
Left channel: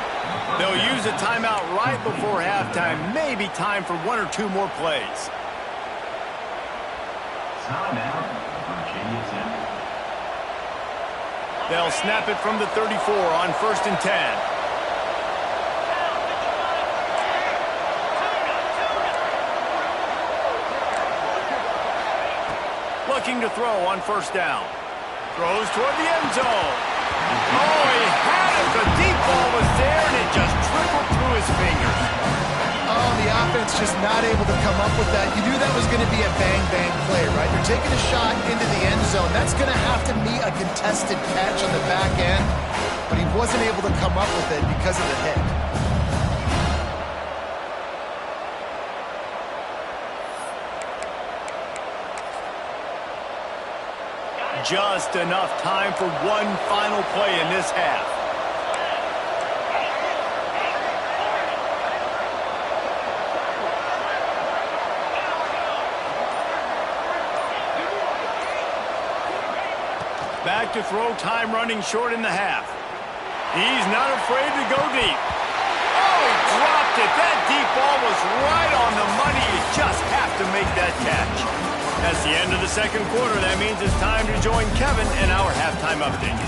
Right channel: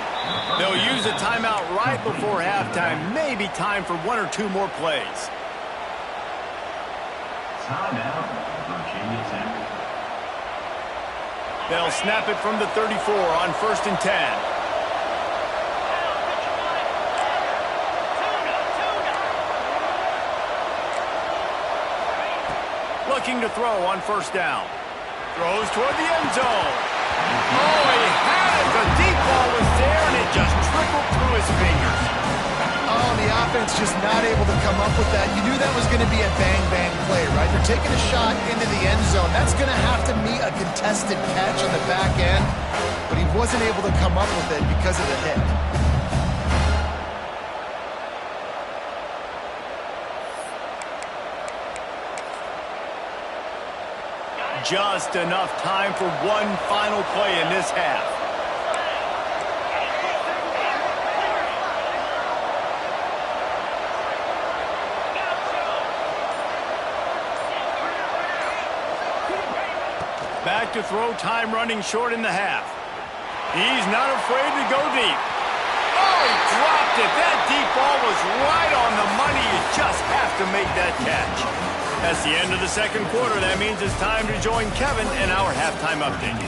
They'll use a timeout right before halftime. Maybe time for 1 or 2 more plays. Timeout, Virginia Tech. They'll snap it from the 34 on 1st and 10. Looking to throw on 1st down. Throws toward the end zone. Oh, he had it. The deep ball was there, and it just trickled through his fingers. Oh, the offense just not able to come up with that. You knew that was going to be a bang-bang play, right? They're taking a shot into the end zone. That's going to have to meet a contested catch on the back end, but he wasn't able to come up with it because of the hit. Just enough time for one final play in this half. Back to throw, time running short in the half. He's not afraid to go deep. Oh, Oh, he dropped it. That deep ball was right on the money. You just have to make that catch. That's the end of the second quarter. That means it's time to join Kevin in our halftime update.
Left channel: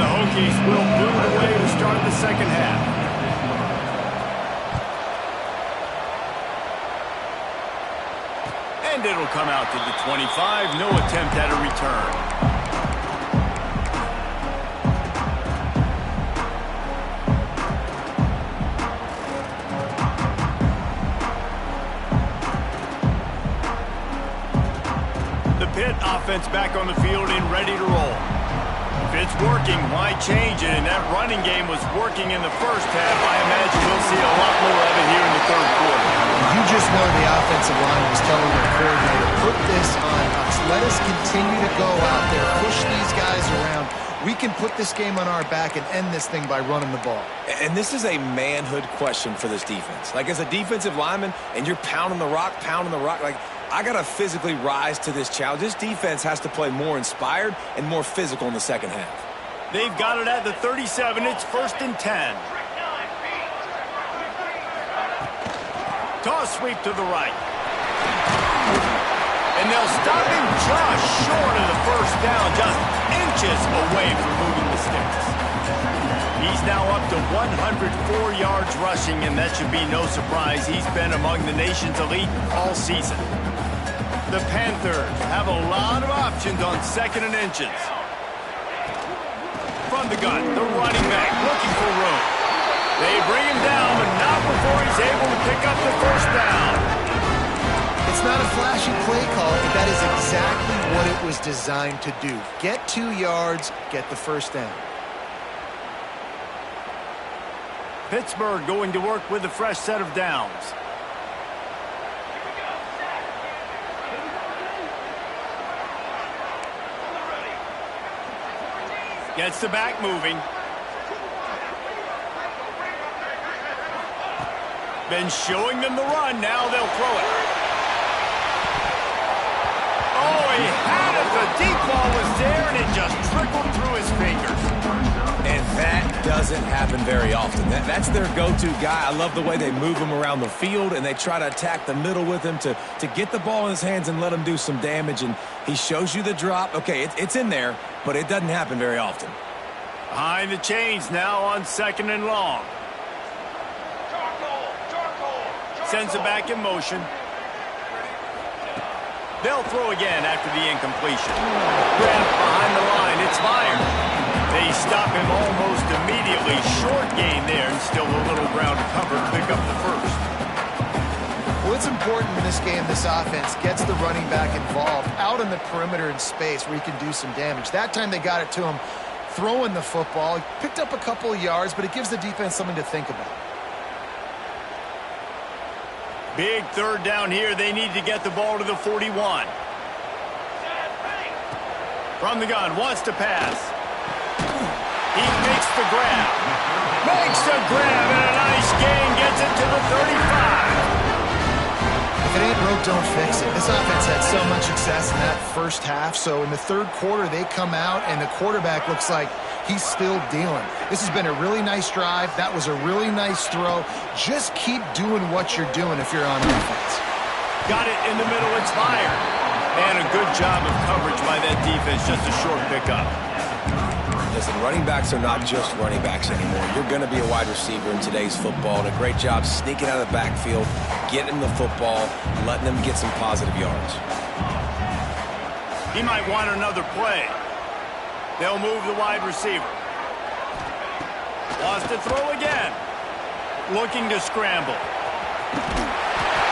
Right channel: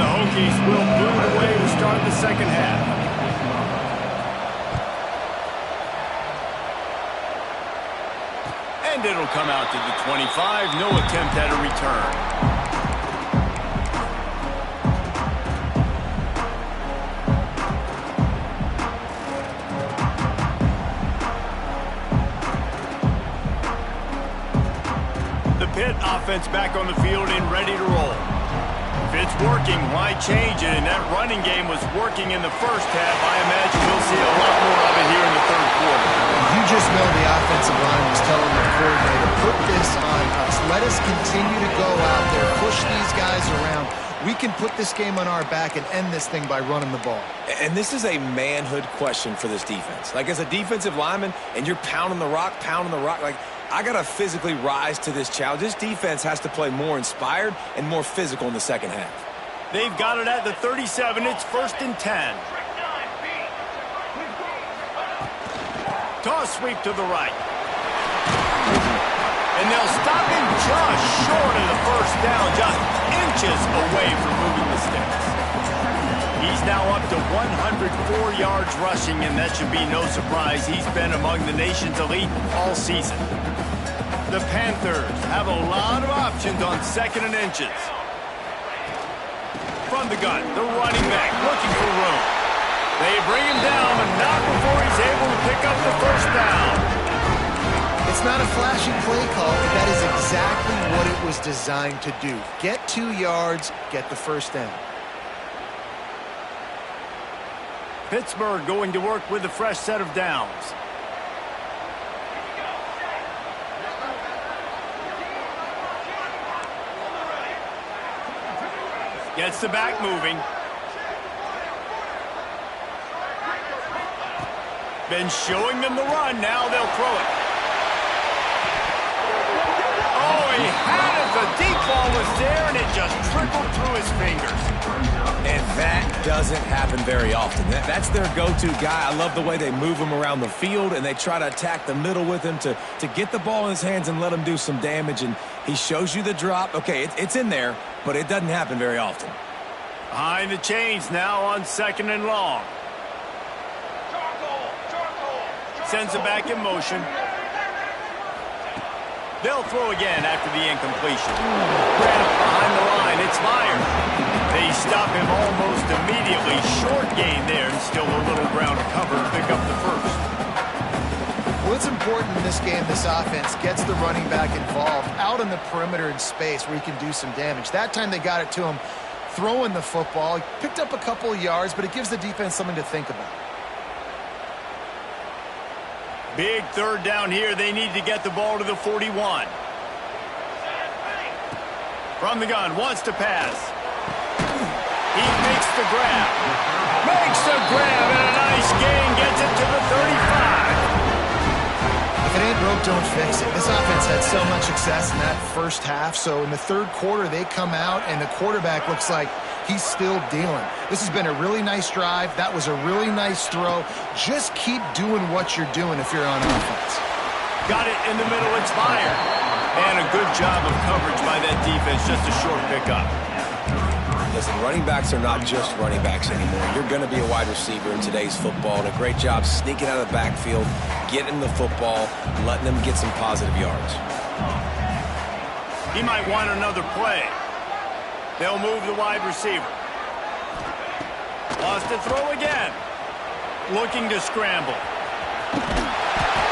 The Hokies will boot it away to start the second half. And it'll come out to the 25. No attempt at a return. The Pitt offense back on the field and ready to roll. If it's working, why change it? And that running game was working in the first half. I imagine we'll see a lot more of it here in the third quarter. You just know the offensive line was telling their coordinator, put this on us. Let us continue to go out there, push these guys around. We can put this game on our back and end this thing by running the ball. And this is a manhood question for this defense. Like, as a defensive lineman, and you're pounding the rock, like, I got to physically rise to this challenge. This defense has to play more inspired and more physical in the second half. They've got it at the 37. It's 1st and 10. Toss sweep to the right. And they'll stop him just short of the first down, just inches away from moving the sticks. He's now up to 104 yards rushing, and that should be no surprise. He's been among the nation's elite all season. The Panthers have a lot of options on 2nd and inches. From the gun, the running back looking for room. They bring him down, but not before he's able to pick up the first down. It's not a flashy play call, but that is exactly what it was designed to do. Get 2 yards, get the first down. Pittsburgh going to work with a fresh set of downs. Gets the back moving. Been showing them the run. Now they'll throw it. Oh, he had it. The deep ball was there, and it just trickled through his fingers. And that doesn't happen very often. That's their go-to guy. I love the way they move him around the field, and they try to attack the middle with him to get the ball in his hands and let him do some damage. And he shows you the drop. Okay, it's in there, but it doesn't happen very often. Behind the chains now on 2nd and long. Sends it back in motion. They'll throw again after the incompletion. Grabbed behind the line. It's fired. They stop him almost immediately. Short gain there, and still a little ground to cover to pick up the first. Well, it's important in this game, this offense gets the running back involved out on the perimeter in space where he can do some damage. That time they got it to him throwing the football. He picked up a couple of yards, but it gives the defense something to think about. Big third down here. They need to get the ball to the 41. From the gun, wants to pass. He makes the grab. Makes the grab, and a nice gain. Gets it to the 35. If it ain't broke, don't fix it. This offense had so much success in that first half, so in the third quarter they come out and the quarterback looks like he's still dealing. This has been a really nice drive. That was a really nice throw. Just keep doing what you're doing if you're on offense. Got it in the middle. It's fired. And a good job of coverage by that defense. Just a short pickup. Listen, running backs are not just running backs anymore. You're going to be a wide receiver in today's football. And a great job sneaking out of the backfield, getting the football, letting them get some positive yards. He might want another play. They'll move the wide receiver. Wants to throw again. Looking to scramble.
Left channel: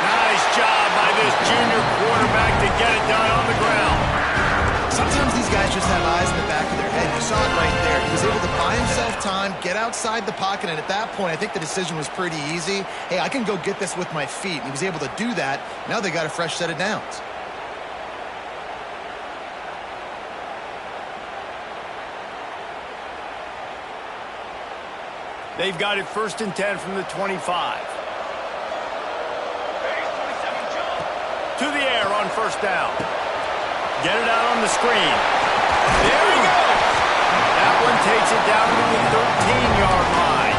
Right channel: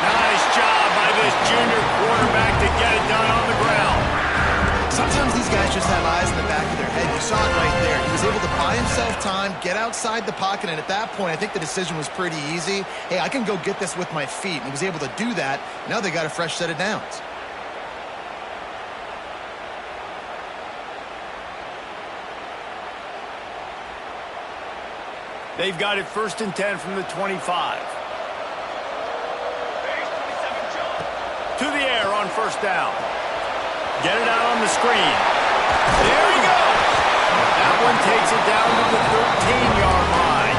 Nice job by this junior quarterback to get it done on the ground. Sometimes these guys just have eyes in the back of their head. You saw it right there. He was able to buy himself time, get outside the pocket, and at that point, I think the decision was pretty easy. Hey, I can go get this with my feet. And he was able to do that. Now they got a fresh set of downs. They've got it 1st and 10 from the 25. To the air on 1st down. Get it out on the screen. There he goes. That one takes it down to the 13-yard line.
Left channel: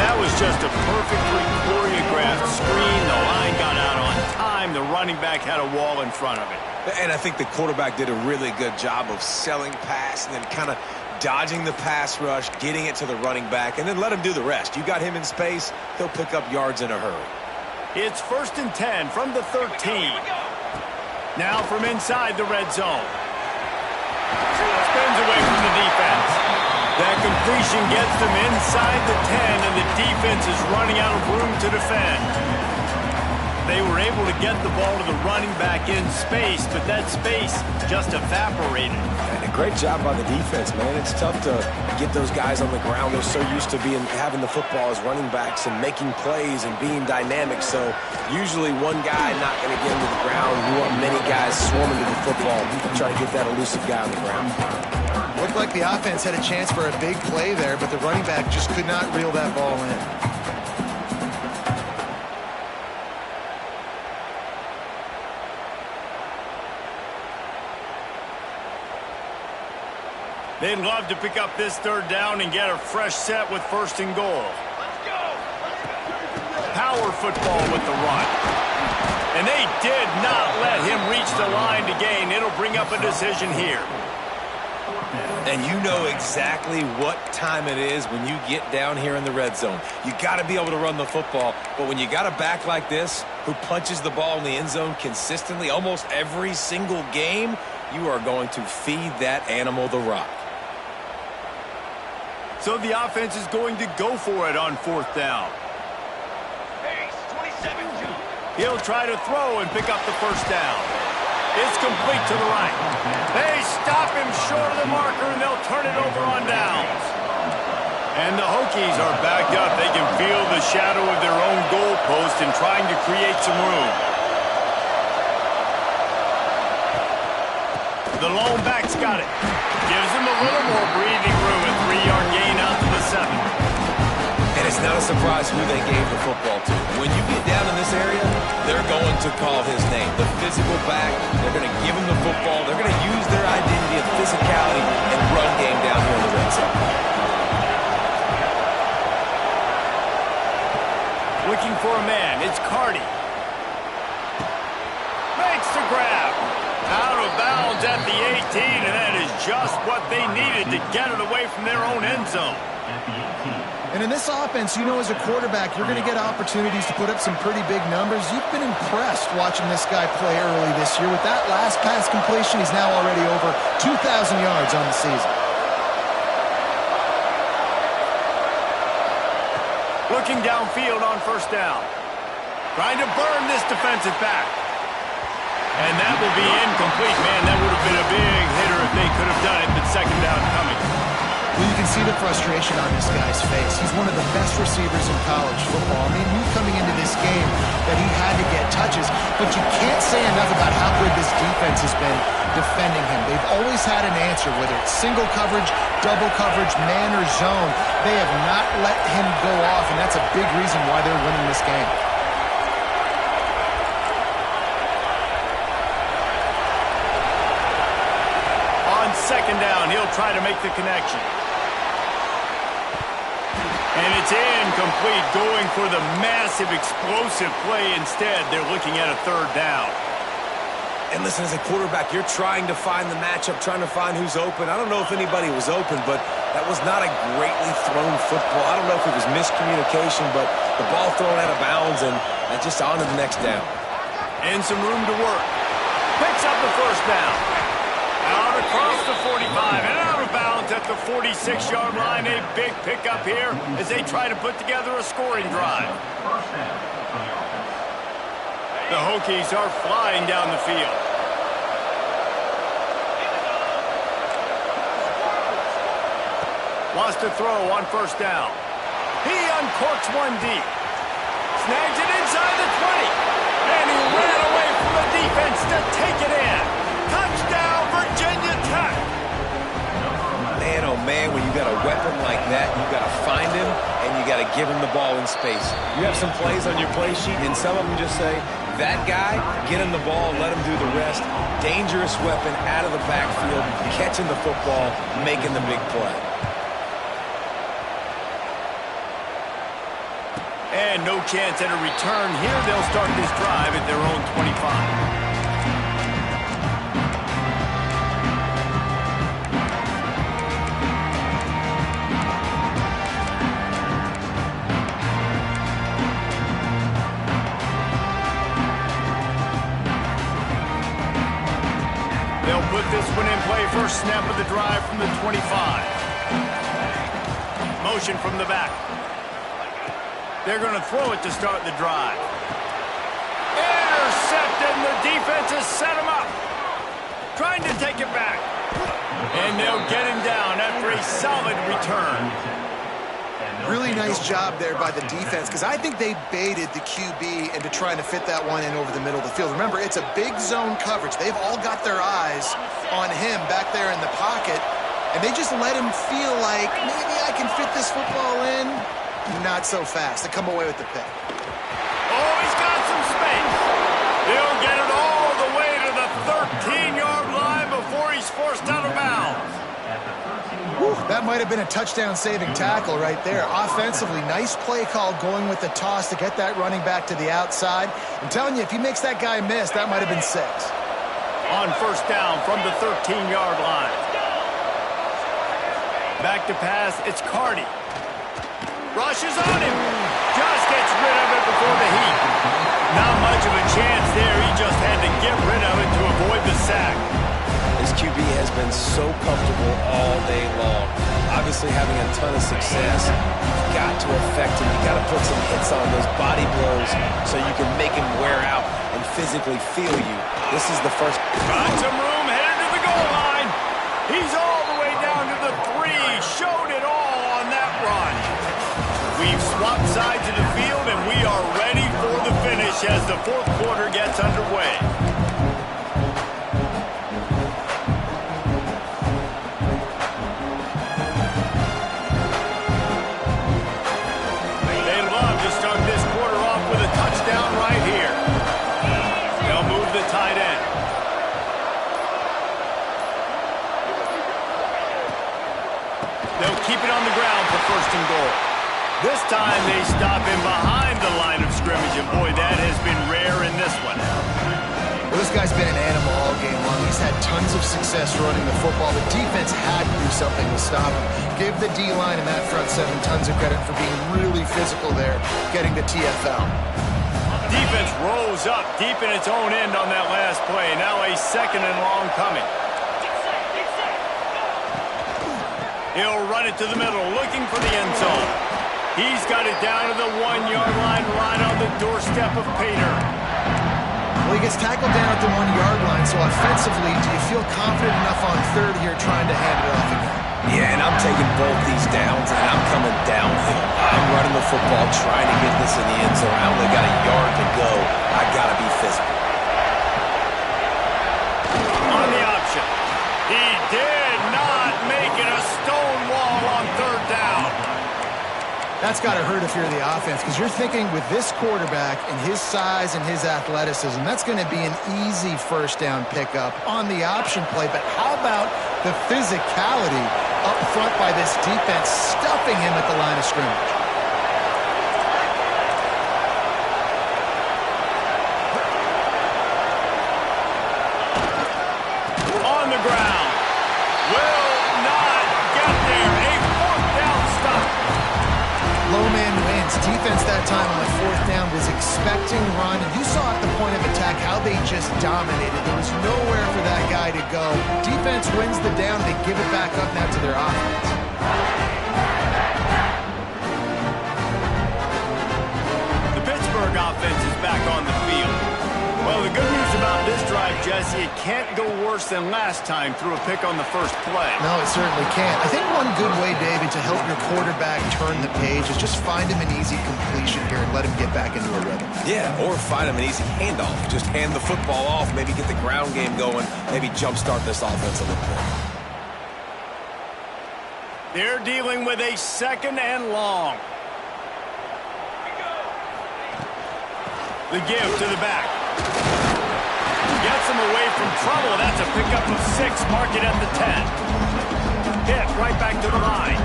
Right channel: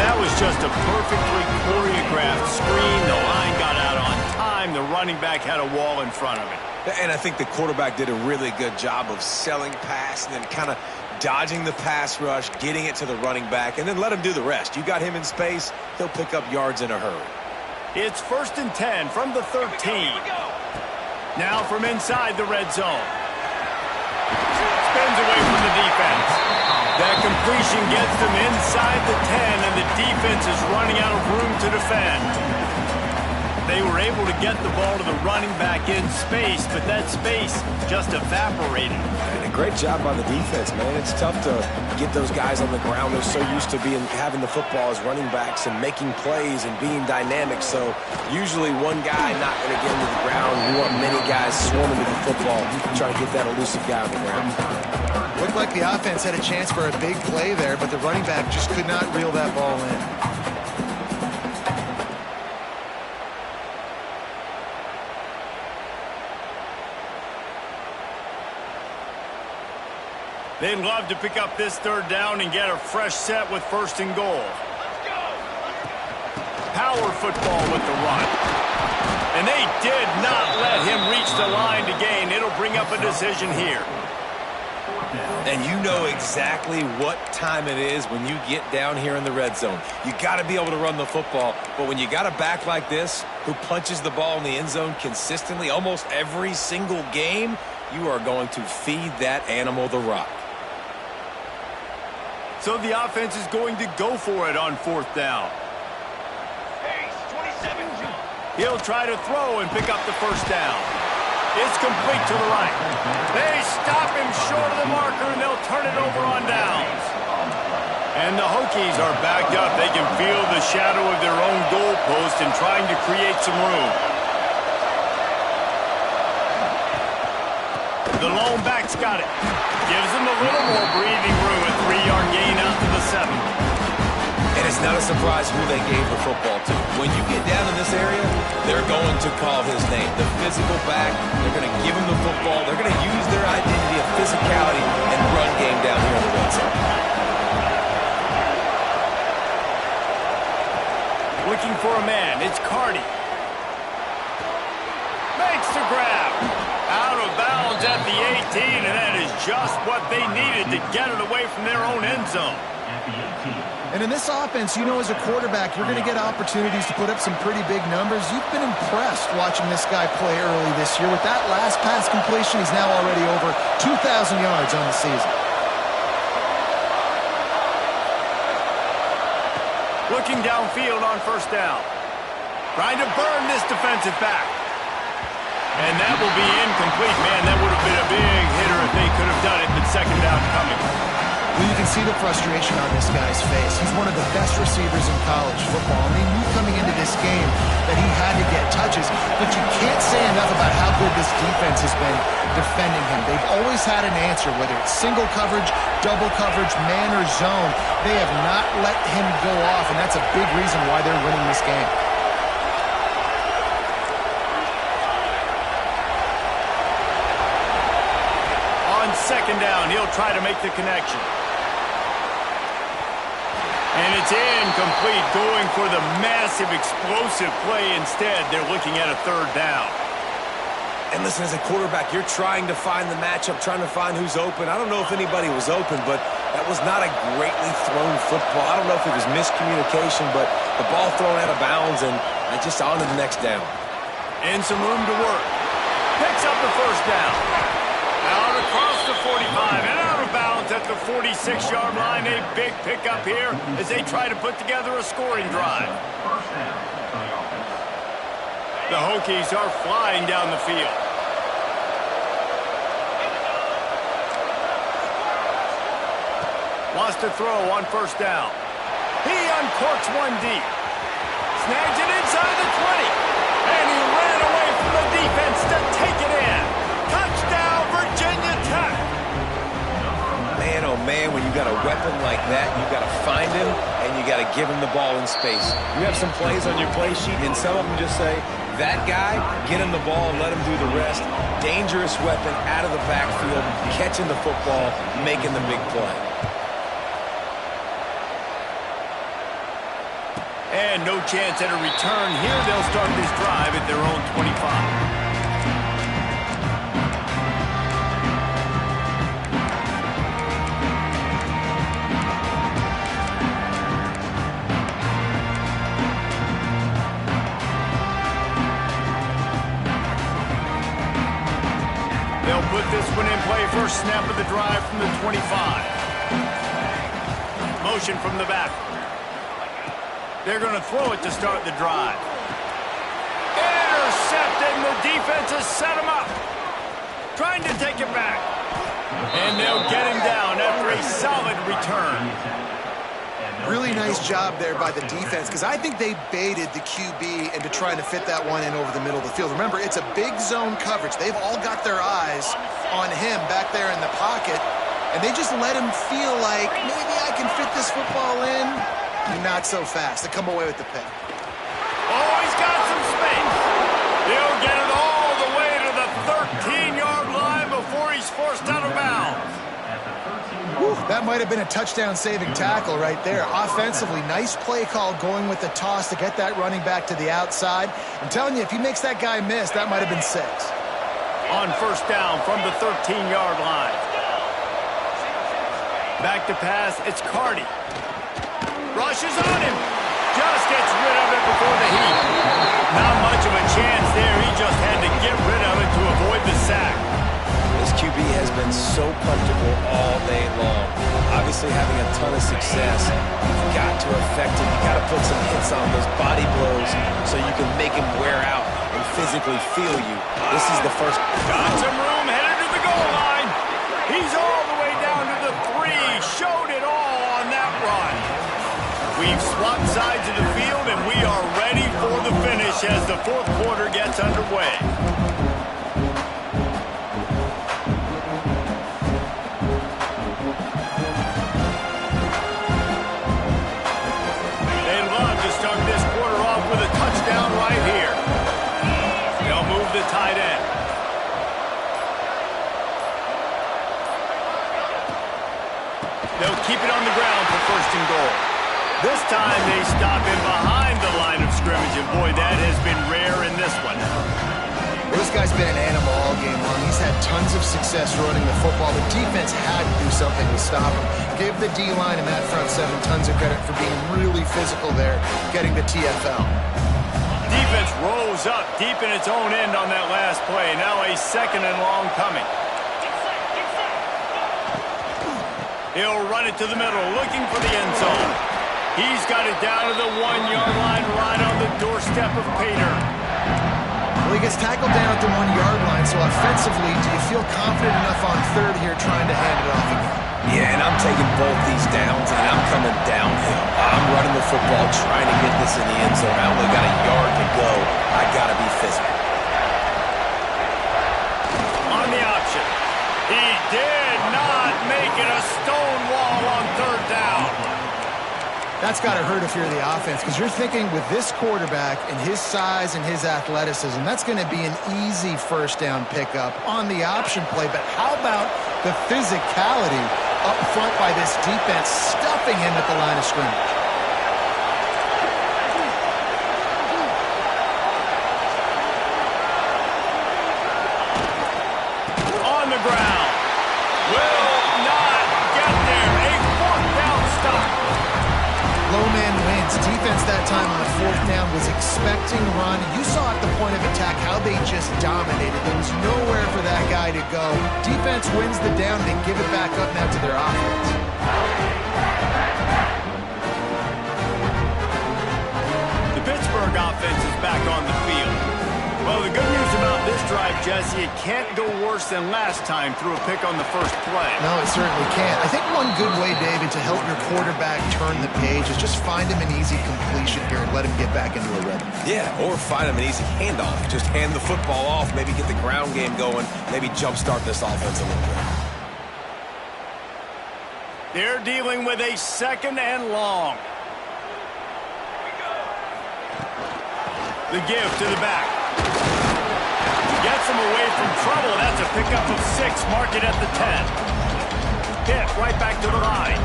That was just a perfectly choreographed screen. The line got out on time. The running back had a wall in front of it. And I think the quarterback did a really good job of selling pass and then kind of dodging the pass rush, getting it to the running back, and then let him do the rest. You got him in space, he'll pick up yards in a hurry. It's 1st and 10 from the 13. Here we go. Now from inside the red zone. Spins away from the defense. That completion gets them inside the 10, and the defense is running out of room to defend. They were able to get the ball to the running back in space, but that space just evaporated. And a great job by the defense, man. It's tough to get those guys on the ground. They're so used to having the football as running backs and making plays and being dynamic. So usually one guy not going to get into the ground. You want many guys swarming to the football, trying to get that elusive guy on the ground. Looked like the offense had a chance for a big play there, but the running back just could not reel that ball in. They'd love to pick up this 3rd down and get a fresh set with 1st and goal. Let's go. Power football with the run. And they did not let him reach the line to gain. It'll bring up a decision here. And you know exactly what time it is when you get down here in the red zone. You got to be able to run the football, but when you got a back like this who punches the ball in the end zone consistently almost every single game, you are going to feed that animal the rock. So the offense is going to go for it on 4th down. Pace, 27-2. He'll try to throw and pick up the 1st down. It's complete to the right. They stop him short of the marker, and they'll turn it over on downs. And the Hokies are backed up. They can feel the shadow of their own goalpost and trying to create some room. The lone back's got it. Gives him a little more breathing room. A 3-yard gain out to the 7. And it's not a surprise who they gave the football to. When you get down in this area, they're going to call his name. The physical back, they're going to give him the football. They're going to use their identity of physicality and run game down here in the red zone. Looking for a man. It's Cardi. Makes the grab. Out of bounds at the 18, and that is just what they needed to get it away from their own end zone. At the 18. And in this offense, you know, as a quarterback, you're going to get opportunities to put up some pretty big numbers. You've been impressed watching this guy play early this year. With that last pass completion, he's now already over 2,000 yards on the season. Looking downfield on 1st down. Trying to burn this defensive back. And that will be incomplete. Man, that would have been a big hitter if they could have done it, but 2nd down coming. Well, you can see the frustration on this guy's face. He's one of the best receivers in college football. I mean, knew coming into this game that he had to get touches, but you can't say enough about how good this defense has been defending him. They've always had an answer, whether it's single coverage, double coverage, man or zone. They have not let him go off, and that's a big reason why they're winning this game. On 2nd down, he'll try to make the connection. And it's incomplete, going for the massive, explosive play instead. They're looking at a 3rd down. And listen, as a quarterback, you're trying to find the matchup, trying to find who's open. I don't know if anybody was open, but that was not a greatly thrown football. I don't know if it was miscommunication, but the ball thrown out of bounds and just on to the next down. And some room to work. Picks up the 1st down. Out across the 45 and out of bounds at the 46-yard line. A big pickup here as they try to put together a scoring drive. 1st down for the offense. The Hokies are flying down the field. Wants to throw on 1st down. He uncorks one deep. Snags it inside the 20. And he ran away from the defense to take it in. Touchdown, Virginia Tech. oh man, when you got a weapon like that, you got to find him and you got to give him the ball in space. You have some plays on your play sheet, and some of them just say, that guy, get him the ball, let him do the rest. Dangerous weapon out of the backfield, catching the football, making the big play. And no chance at a return here. They'll start this drive at their own 25. They'll put this one in play. First snap of the drive from the 25. Motion from the back. They're going to throw it to start the drive. Intercepted, and the defense has set him up. Trying to take it back. And they'll get him down after a solid return. Really nice job there by the defense, because I think they baited the QB into trying to fit that one in over the middle of the field. Remember, it's a big zone coverage. They've all got their eyes on him back there in the pocket, and they just let him feel like, maybe I can fit this football in. Not so fast. They come away with the pick. Oh, he's got some space. He'll get it all the way to the 13-yard line before he's forced out of bounds. Whew, that might have been a touchdown-saving tackle right there. Offensively, nice play call going with the toss to get that running back to the outside. I'm telling you, if he makes that guy miss, that might have been 6. On first down from the 13-yard line. Back to pass, it's Cardi. Rushes on him. Just gets rid of it before the heat. Not much of a chance there. He just had to get rid of it to avoid the sack. This QB has been so comfortable all day long. Obviously having a ton of success. You've got to affect him. You've got to put some hits on those body blows so you can make him wear out and physically feel you. This is the first. Got some room, headed to the goal line. He's all the way down to the 3. Showed it all on that run. We've swapped sides of the field, and we are ready for the finish as the fourth quarter gets underway. They love to start this quarter off with a touchdown right here. They'll move the tight end. They'll keep it on the ground for first and goal. This time they stop him behind the line of scrimmage, and boy, that has been rare in this one. Well, this guy's been an animal all game long. He's had tons of success running the football. The defense had to do something to stop him. Give the D-line and that front 7 tons of credit for being really physical there, getting the TFL. Defense rose up deep in its own end on that last play. Now a second and long coming. He'll run it to the middle, looking for the end zone. He's got it down to the 1-yard line, right on the doorstep of Pater. Well, he gets tackled down at the 1-yard line, so offensively, do you feel confident enough on third here trying to hand it off again? Yeah, and I'm taking both these downs, and I'm coming downhill. I'm running the football, trying to get this in the end zone. I only got a yard to go. I got to be physical. On the option. He did not make it a stone wall on third down. That's got to hurt if you're the offense, because you're thinking with this quarterback and his size and his athleticism, that's going to be an easy first down pickup on the option play. But how about the physicality up front by this defense, stuffing him at the line of scrimmage? On the ground. Will not get there. A fourth down stop. Low man wins. Defense that time on fourth down was expecting run. You saw at the point of attack how they just dominated. There was nowhere for that guy to go. Defense wins the down. They give it back up now to their offense. The Pittsburgh offense is back on the field. Well, the good news about this drive, Jesse, it can't go worse than last time through a pick on the first play. No, it certainly can't. I think one good way, David, to help your quarterback turn the page is just find him an easy completion here and let him get back into a rhythm. Yeah, or find him an easy handoff. Just hand the football off, maybe get the ground game going, maybe jumpstart this offense a little bit. They're dealing with a 2nd and long. The give to the back. Gets him away from trouble. That's a pickup of 6. Mark it at the 10. Hit right back to the line.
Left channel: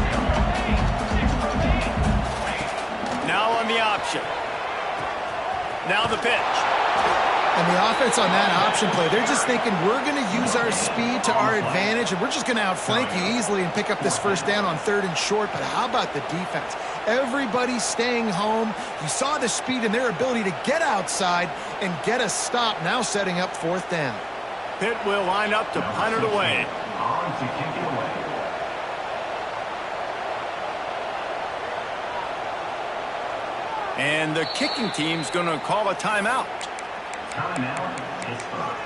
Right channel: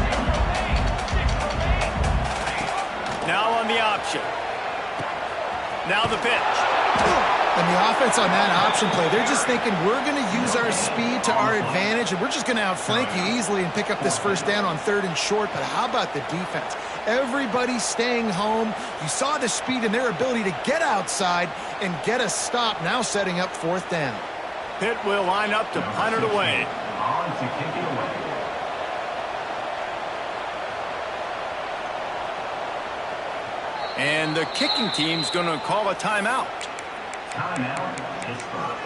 Now on the option. Now the pitch. And the offense on that option play, they're just thinking we're going to use our speed to our advantage, and we're just going to outflank you easily and pick up this first down on 3rd and short. But how about the defense? Everybody's staying home. You saw the speed and their ability to get outside and get a stop, now setting up 4th down. Pitt will line up to punt it away. On to kick it away. And the kicking team's going to call a timeout. Timeout, Pittsburgh.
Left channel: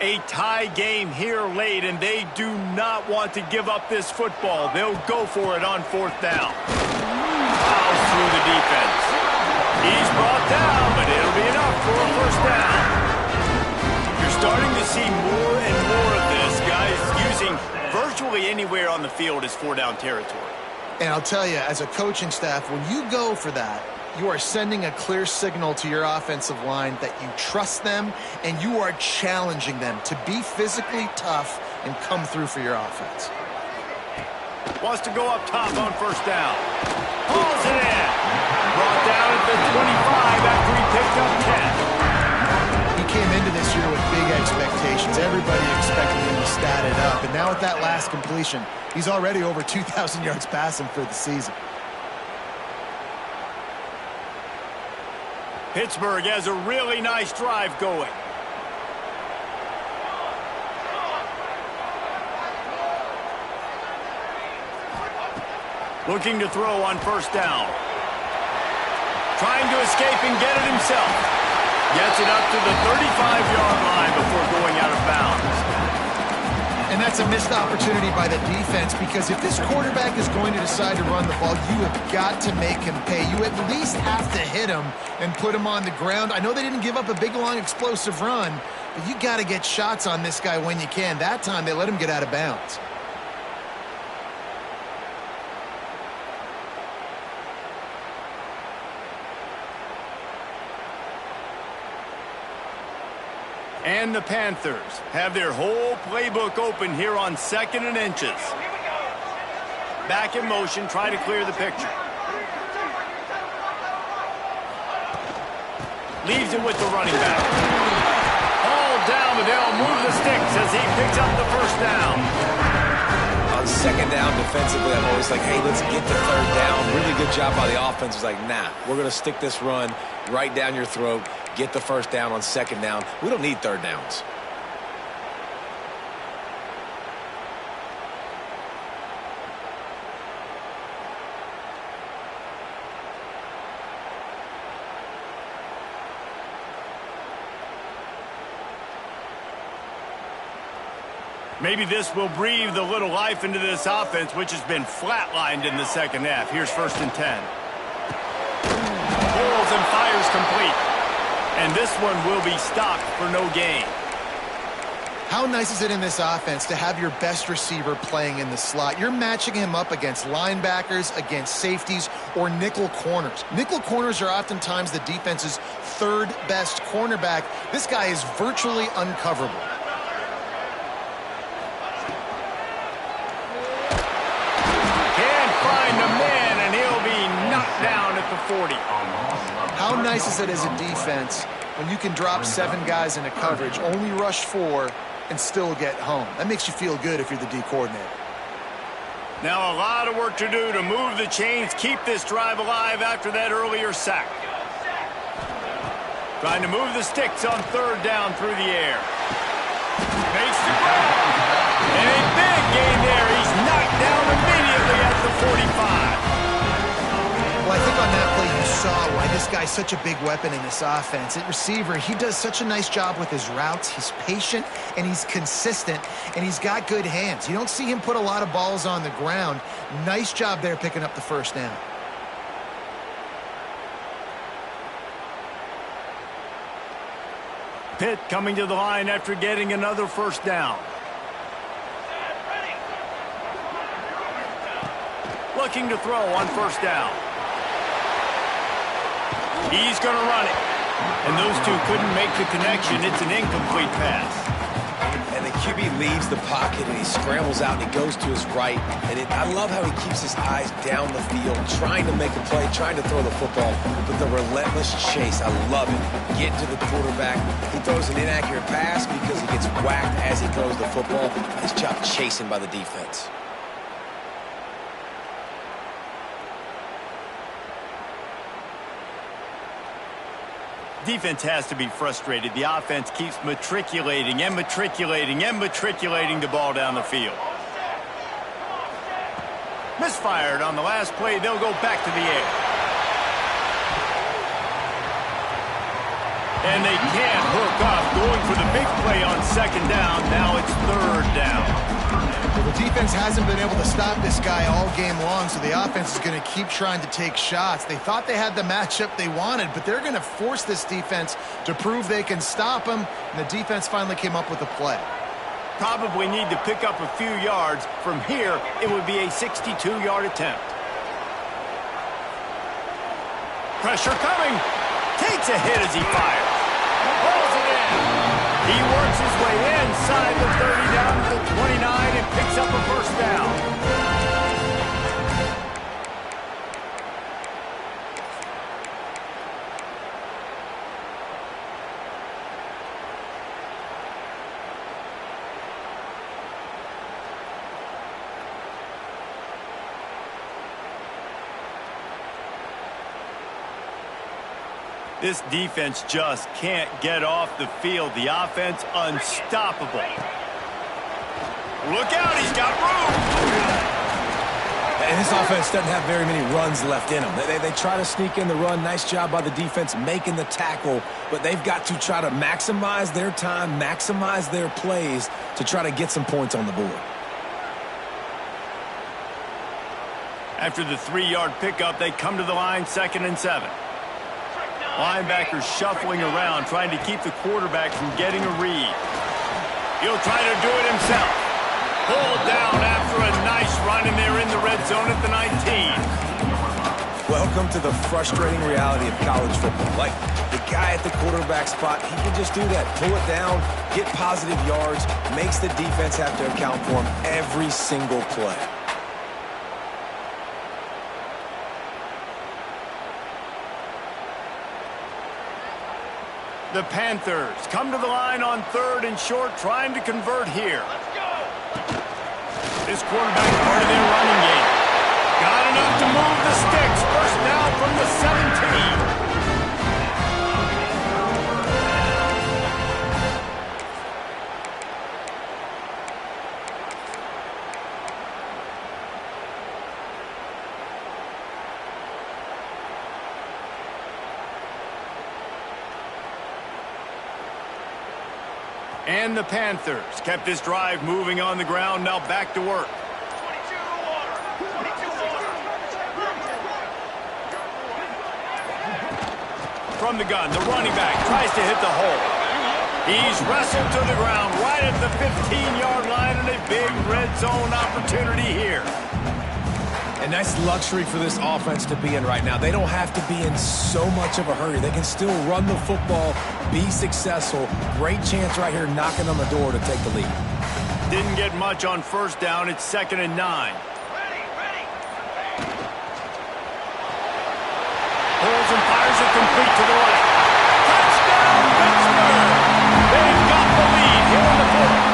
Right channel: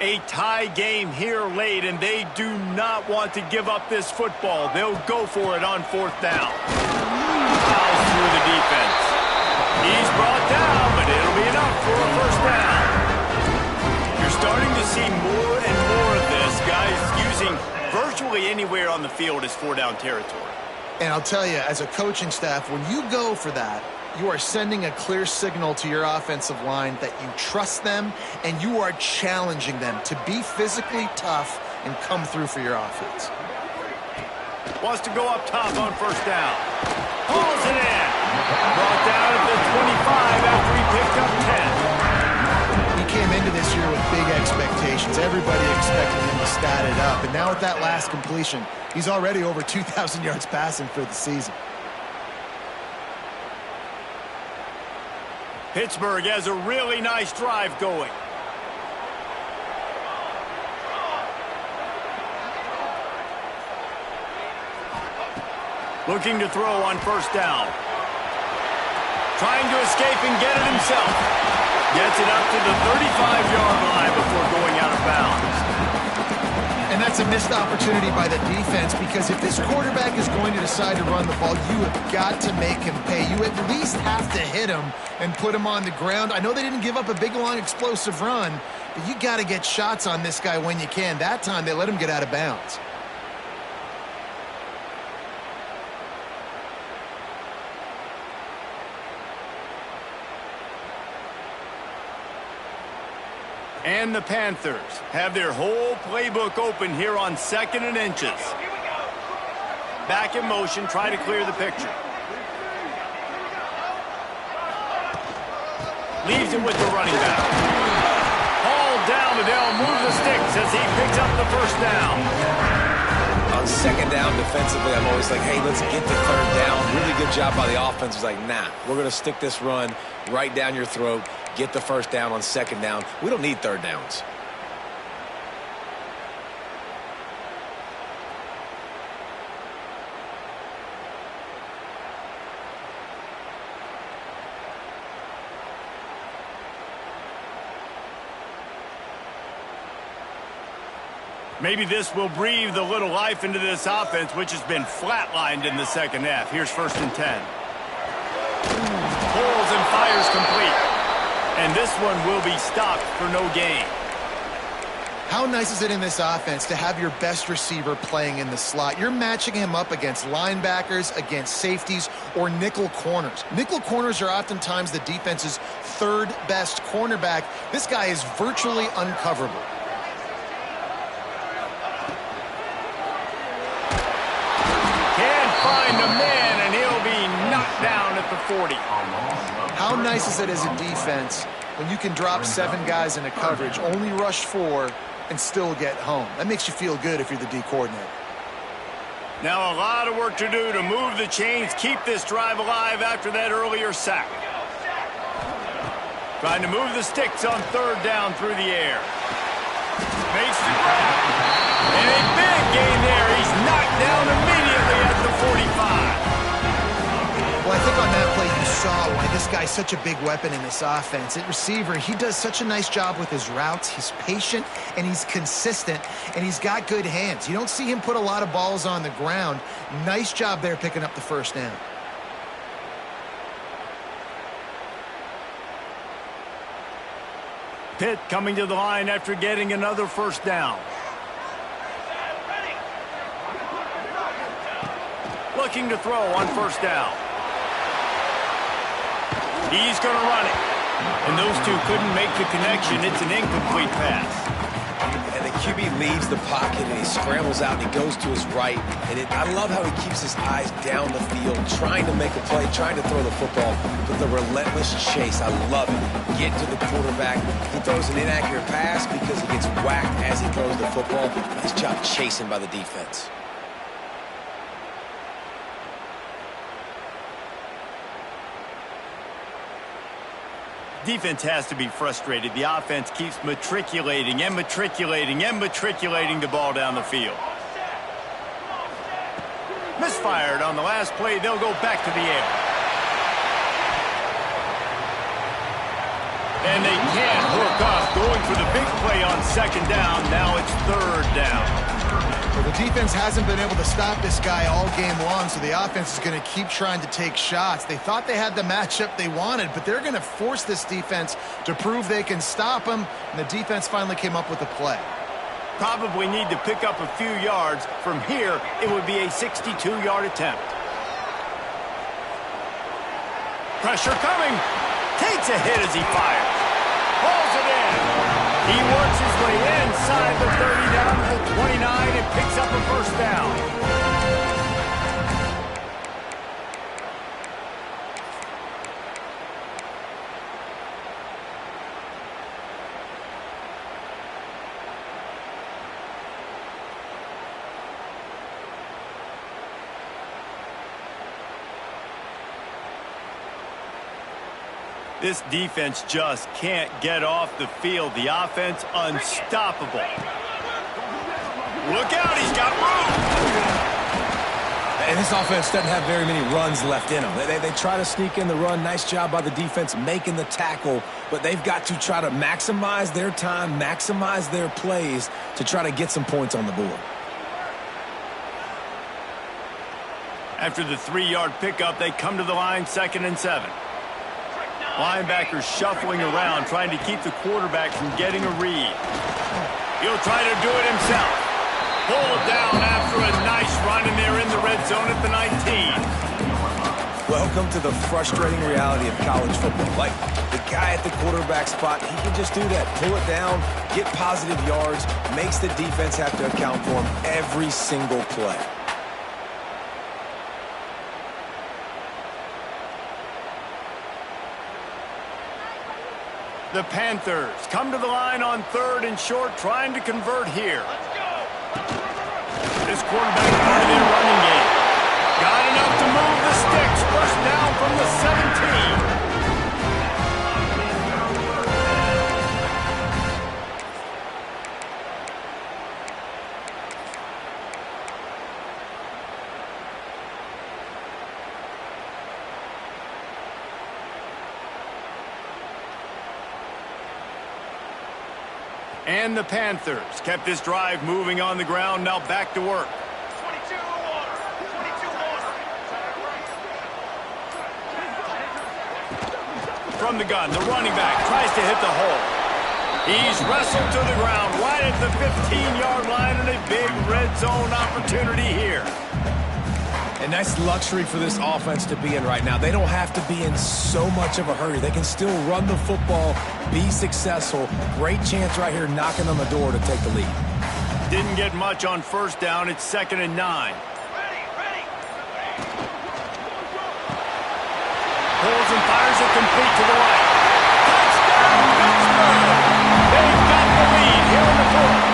A tie game here late, and they do not want to give up this football. They'll go for it on 4th down. Fouls through the defense. He's brought down, but it'll be enough for a 1st down. You're starting to see more and more of this, guys using virtually anywhere on the field as 4-down territory. And I'll tell you, as a coaching staff, when you go for that, you are sending a clear signal to your offensive line that you trust them and you are challenging them to be physically tough and come through for your offense. Wants to go up top on 1st down. Hauls it in. Brought down at the 25 after he picked up 10. He came into this year with big expectations. Everybody expected him to stat it up. And now with that last completion, he's already over 2,000 yards passing for the season. Pittsburgh has a really nice drive going. Looking to throw on 1st down. Trying to escape and get it himself. Gets it up to the 35-yard line before going out of bounds. And that's a missed opportunity by the defense, because if this quarterback is going to decide to run the ball, you have got to make him pay. You at least have to hit him and put him on the ground. I know they didn't give up a big, long, explosive run, but you got to get shots on this guy when you can. That time, they let him get out of bounds. And the Panthers have their whole playbook open here on 2nd and inches. Here we go. Back in motion, try to clear the picture. Leaves it with the running back. Hauled down, but they'll move the sticks as he picks up the 1st down. On 2nd down defensively, I'm always like, hey, let's get to 3rd down. Really good job by the offense. It's like, nah, we're going to stick this run right down your throat, get the 1st down on 2nd down. We don't need 3rd downs. Maybe this will breathe a little life into this offense, which has been flatlined in the 2nd half. Here's 1st and 10. Pulls and fires complete. And this one will be stopped for no gain. How nice is it in this offense to have your best receiver playing in the slot? You're matching him up against linebackers, against safeties, or nickel corners. Nickel corners are oftentimes the defense's 3rd best cornerback. This guy is virtually uncoverable. Find a man, and he'll be knocked down at the 40. How nice is it as a defense when you can drop 7 guys into coverage, only rush 4, and still get home? That makes you feel good if you're the D coordinator. Now a lot of work to do to move the chains, keep this drive alive after that earlier sack. Trying to move the sticks on 3rd down through the air. Makes the grab. And a big gain there. He's knocked down immediately at the 45. Well, I think on that play, you saw why this guy's such a big weapon in this offense. At receiver, he does such a nice job with his routes. He's patient, and he's consistent, and he's got good hands. You don't see him put a lot of balls on the ground. Nice job there picking up the first down. Pitt coming to the line after getting another first down. Looking to throw on first down. He's going to run it. And those two couldn't make the connection. It's an incomplete pass. And the QB leaves the pocket and he scrambles out and he goes to his right. And I love how he keeps his eyes down the field, trying to make a play, trying to throw the football. But the relentless chase, I love it. Get to the quarterback. He throws an inaccurate pass because he gets whacked as he throws the football. Nice job chasing by the defense. Defense has to be frustrated. The offense keeps matriculating and matriculating and matriculating the ball down the field. Misfired on the last play. They'll go back to the air. And they can't hook up. Going for the big play on second down. Now it's third down. Well, the defense hasn't been able to stop this guy all game long, so the offense is going to keep trying to take shots. They thought they had the matchup they wanted, but they're going to force this defense to prove they can stop him, and the defense finally came up with a play. Probably need to pick up a few yards. From here, it would be a 62-yard attempt. Pressure coming. Takes a hit as he fires. Pulls it in. He works his way inside the 30 down to the 29 and picks up a first down. This defense just can't get off the field. The offense unstoppable. Look out, he's got room. And this offense doesn't have very many runs left in them. They try to sneak in the run. Nice job by the defense making the tackle. But they've got to try to maximize their time, maximize their plays to try to get some points on the board. After the 3-yard pickup, they come to the line, 2nd and 7. Linebackers shuffling around, trying to keep the quarterback from getting a read. He'll try to do it himself. Pulled down after a nice run, and they're in the red zone at the 19. Welcome to the frustrating reality of college football. Like, the guy at the quarterback spot, he can just do that. Pull it down, get positive yards, makes the defense have to account for him every single play. The Panthers come to the line on 3rd and short, trying to convert here. Let's go. This quarterback part of their running game. Got enough to move the sticks. First down from the 17. And the Panthers kept this drive moving on the ground. Now back to work. 22 water. 22 water. From the gun, the running back tries to hit the hole. He's wrestled to the ground right at the 15-yard line, and a big red zone opportunity here. A nice luxury for this offense to be in right now. They don't have to be in so much of a hurry. They can still run the football, be successful. Great chance right here knocking on the door to take the lead. Didn't get much on first down. It's 2nd and 9. Ready. Pulls and fires it complete to the right. Touchdown, Pittsburgh! They've got the lead here in the 4th.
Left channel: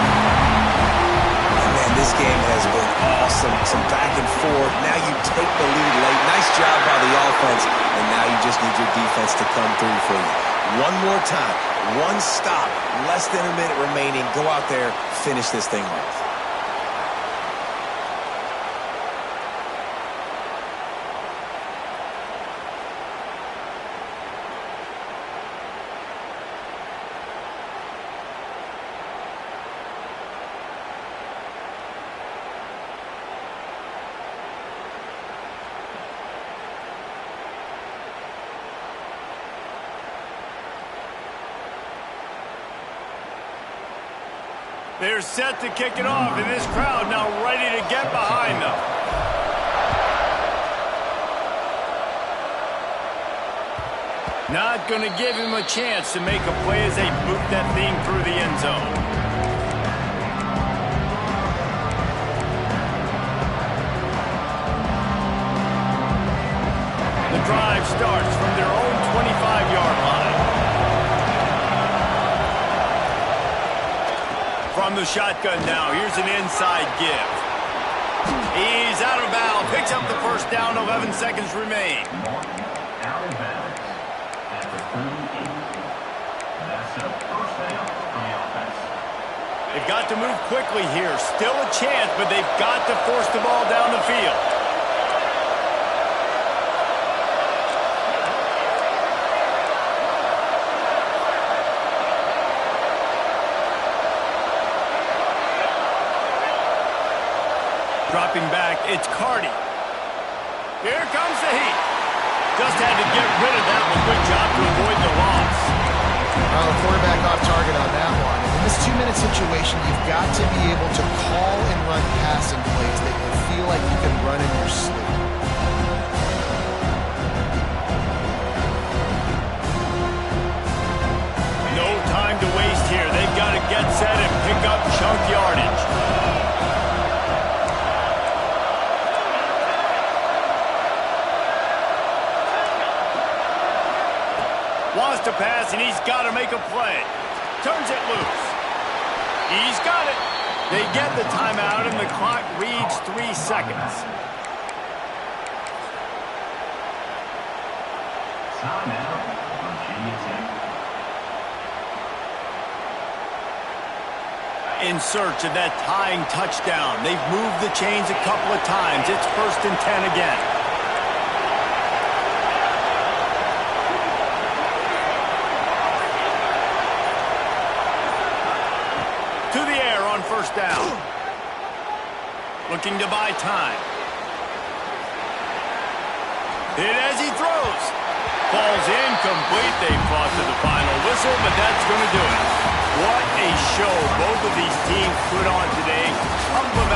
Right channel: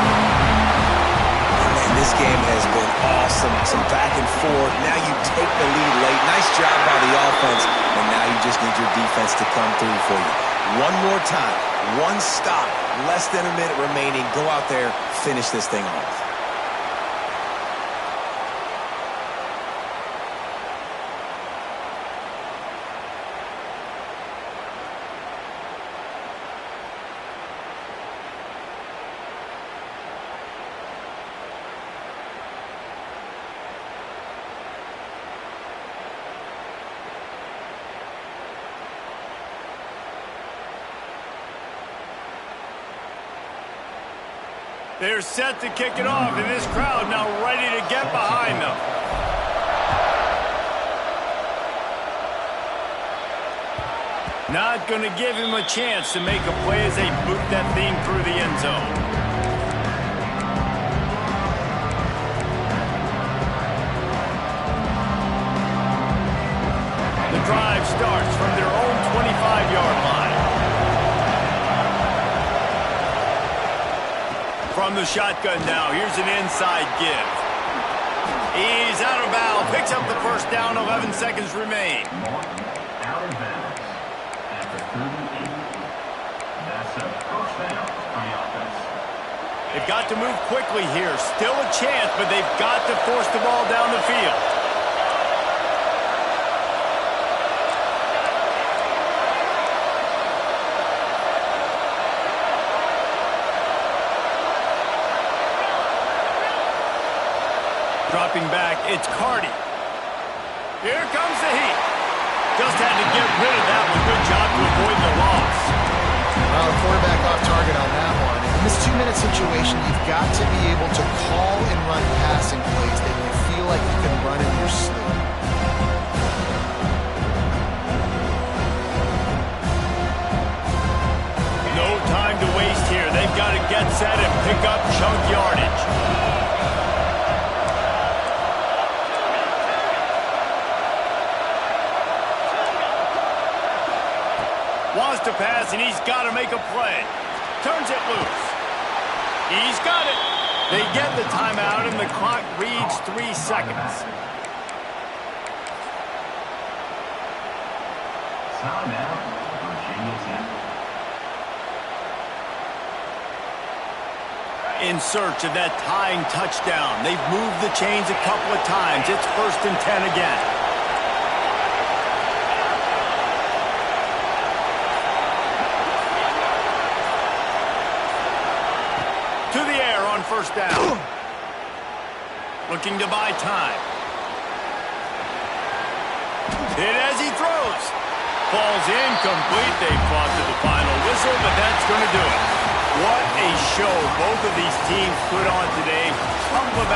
Man, this game has been awesome. Some back and forth. Now you take the lead late. Nice job by the offense. And now you just need your defense to come through for you. One more time. One stop. Less than a minute remaining. Go out there. Finish this thing off. They're set to kick it off, and this crowd now ready to get behind them. Not going to give him a chance to make a play as they boot that thing through the end zone. The drive starts from their own 25-yard line. From the shotgun now, here's an inside give. He's out of bounds, picks up the first down, 11 seconds remain. Out of bounds after 38. That's a first down from the offense. They've got to move quickly here. Still a chance, but they've got to force the ball down the field. Dropping back, it's Cardi. Here comes the heat. Just had to get rid of that one. Good job to avoid the loss. Well, the quarterback off target on that one. In this 2-minute situation, you've got to be able to call and run passing plays that you feel like you can run in your sleep. No time to waste here. They've got to get set and pick up chunk yardage. Wants to pass, and he's got to make a play. Turns it loose. He's got it. They get the timeout, and the clock reads 3 seconds. Timeout, Virginia Tech. In search of that tying touchdown. They've moved the chains a couple of times. It's 1st and 10 again. To the air on 1st down. Looking to buy time. Hit as he throws. Falls incomplete. They fought to the final whistle, but that's going to do it. What a show both of these teams put on today. Up about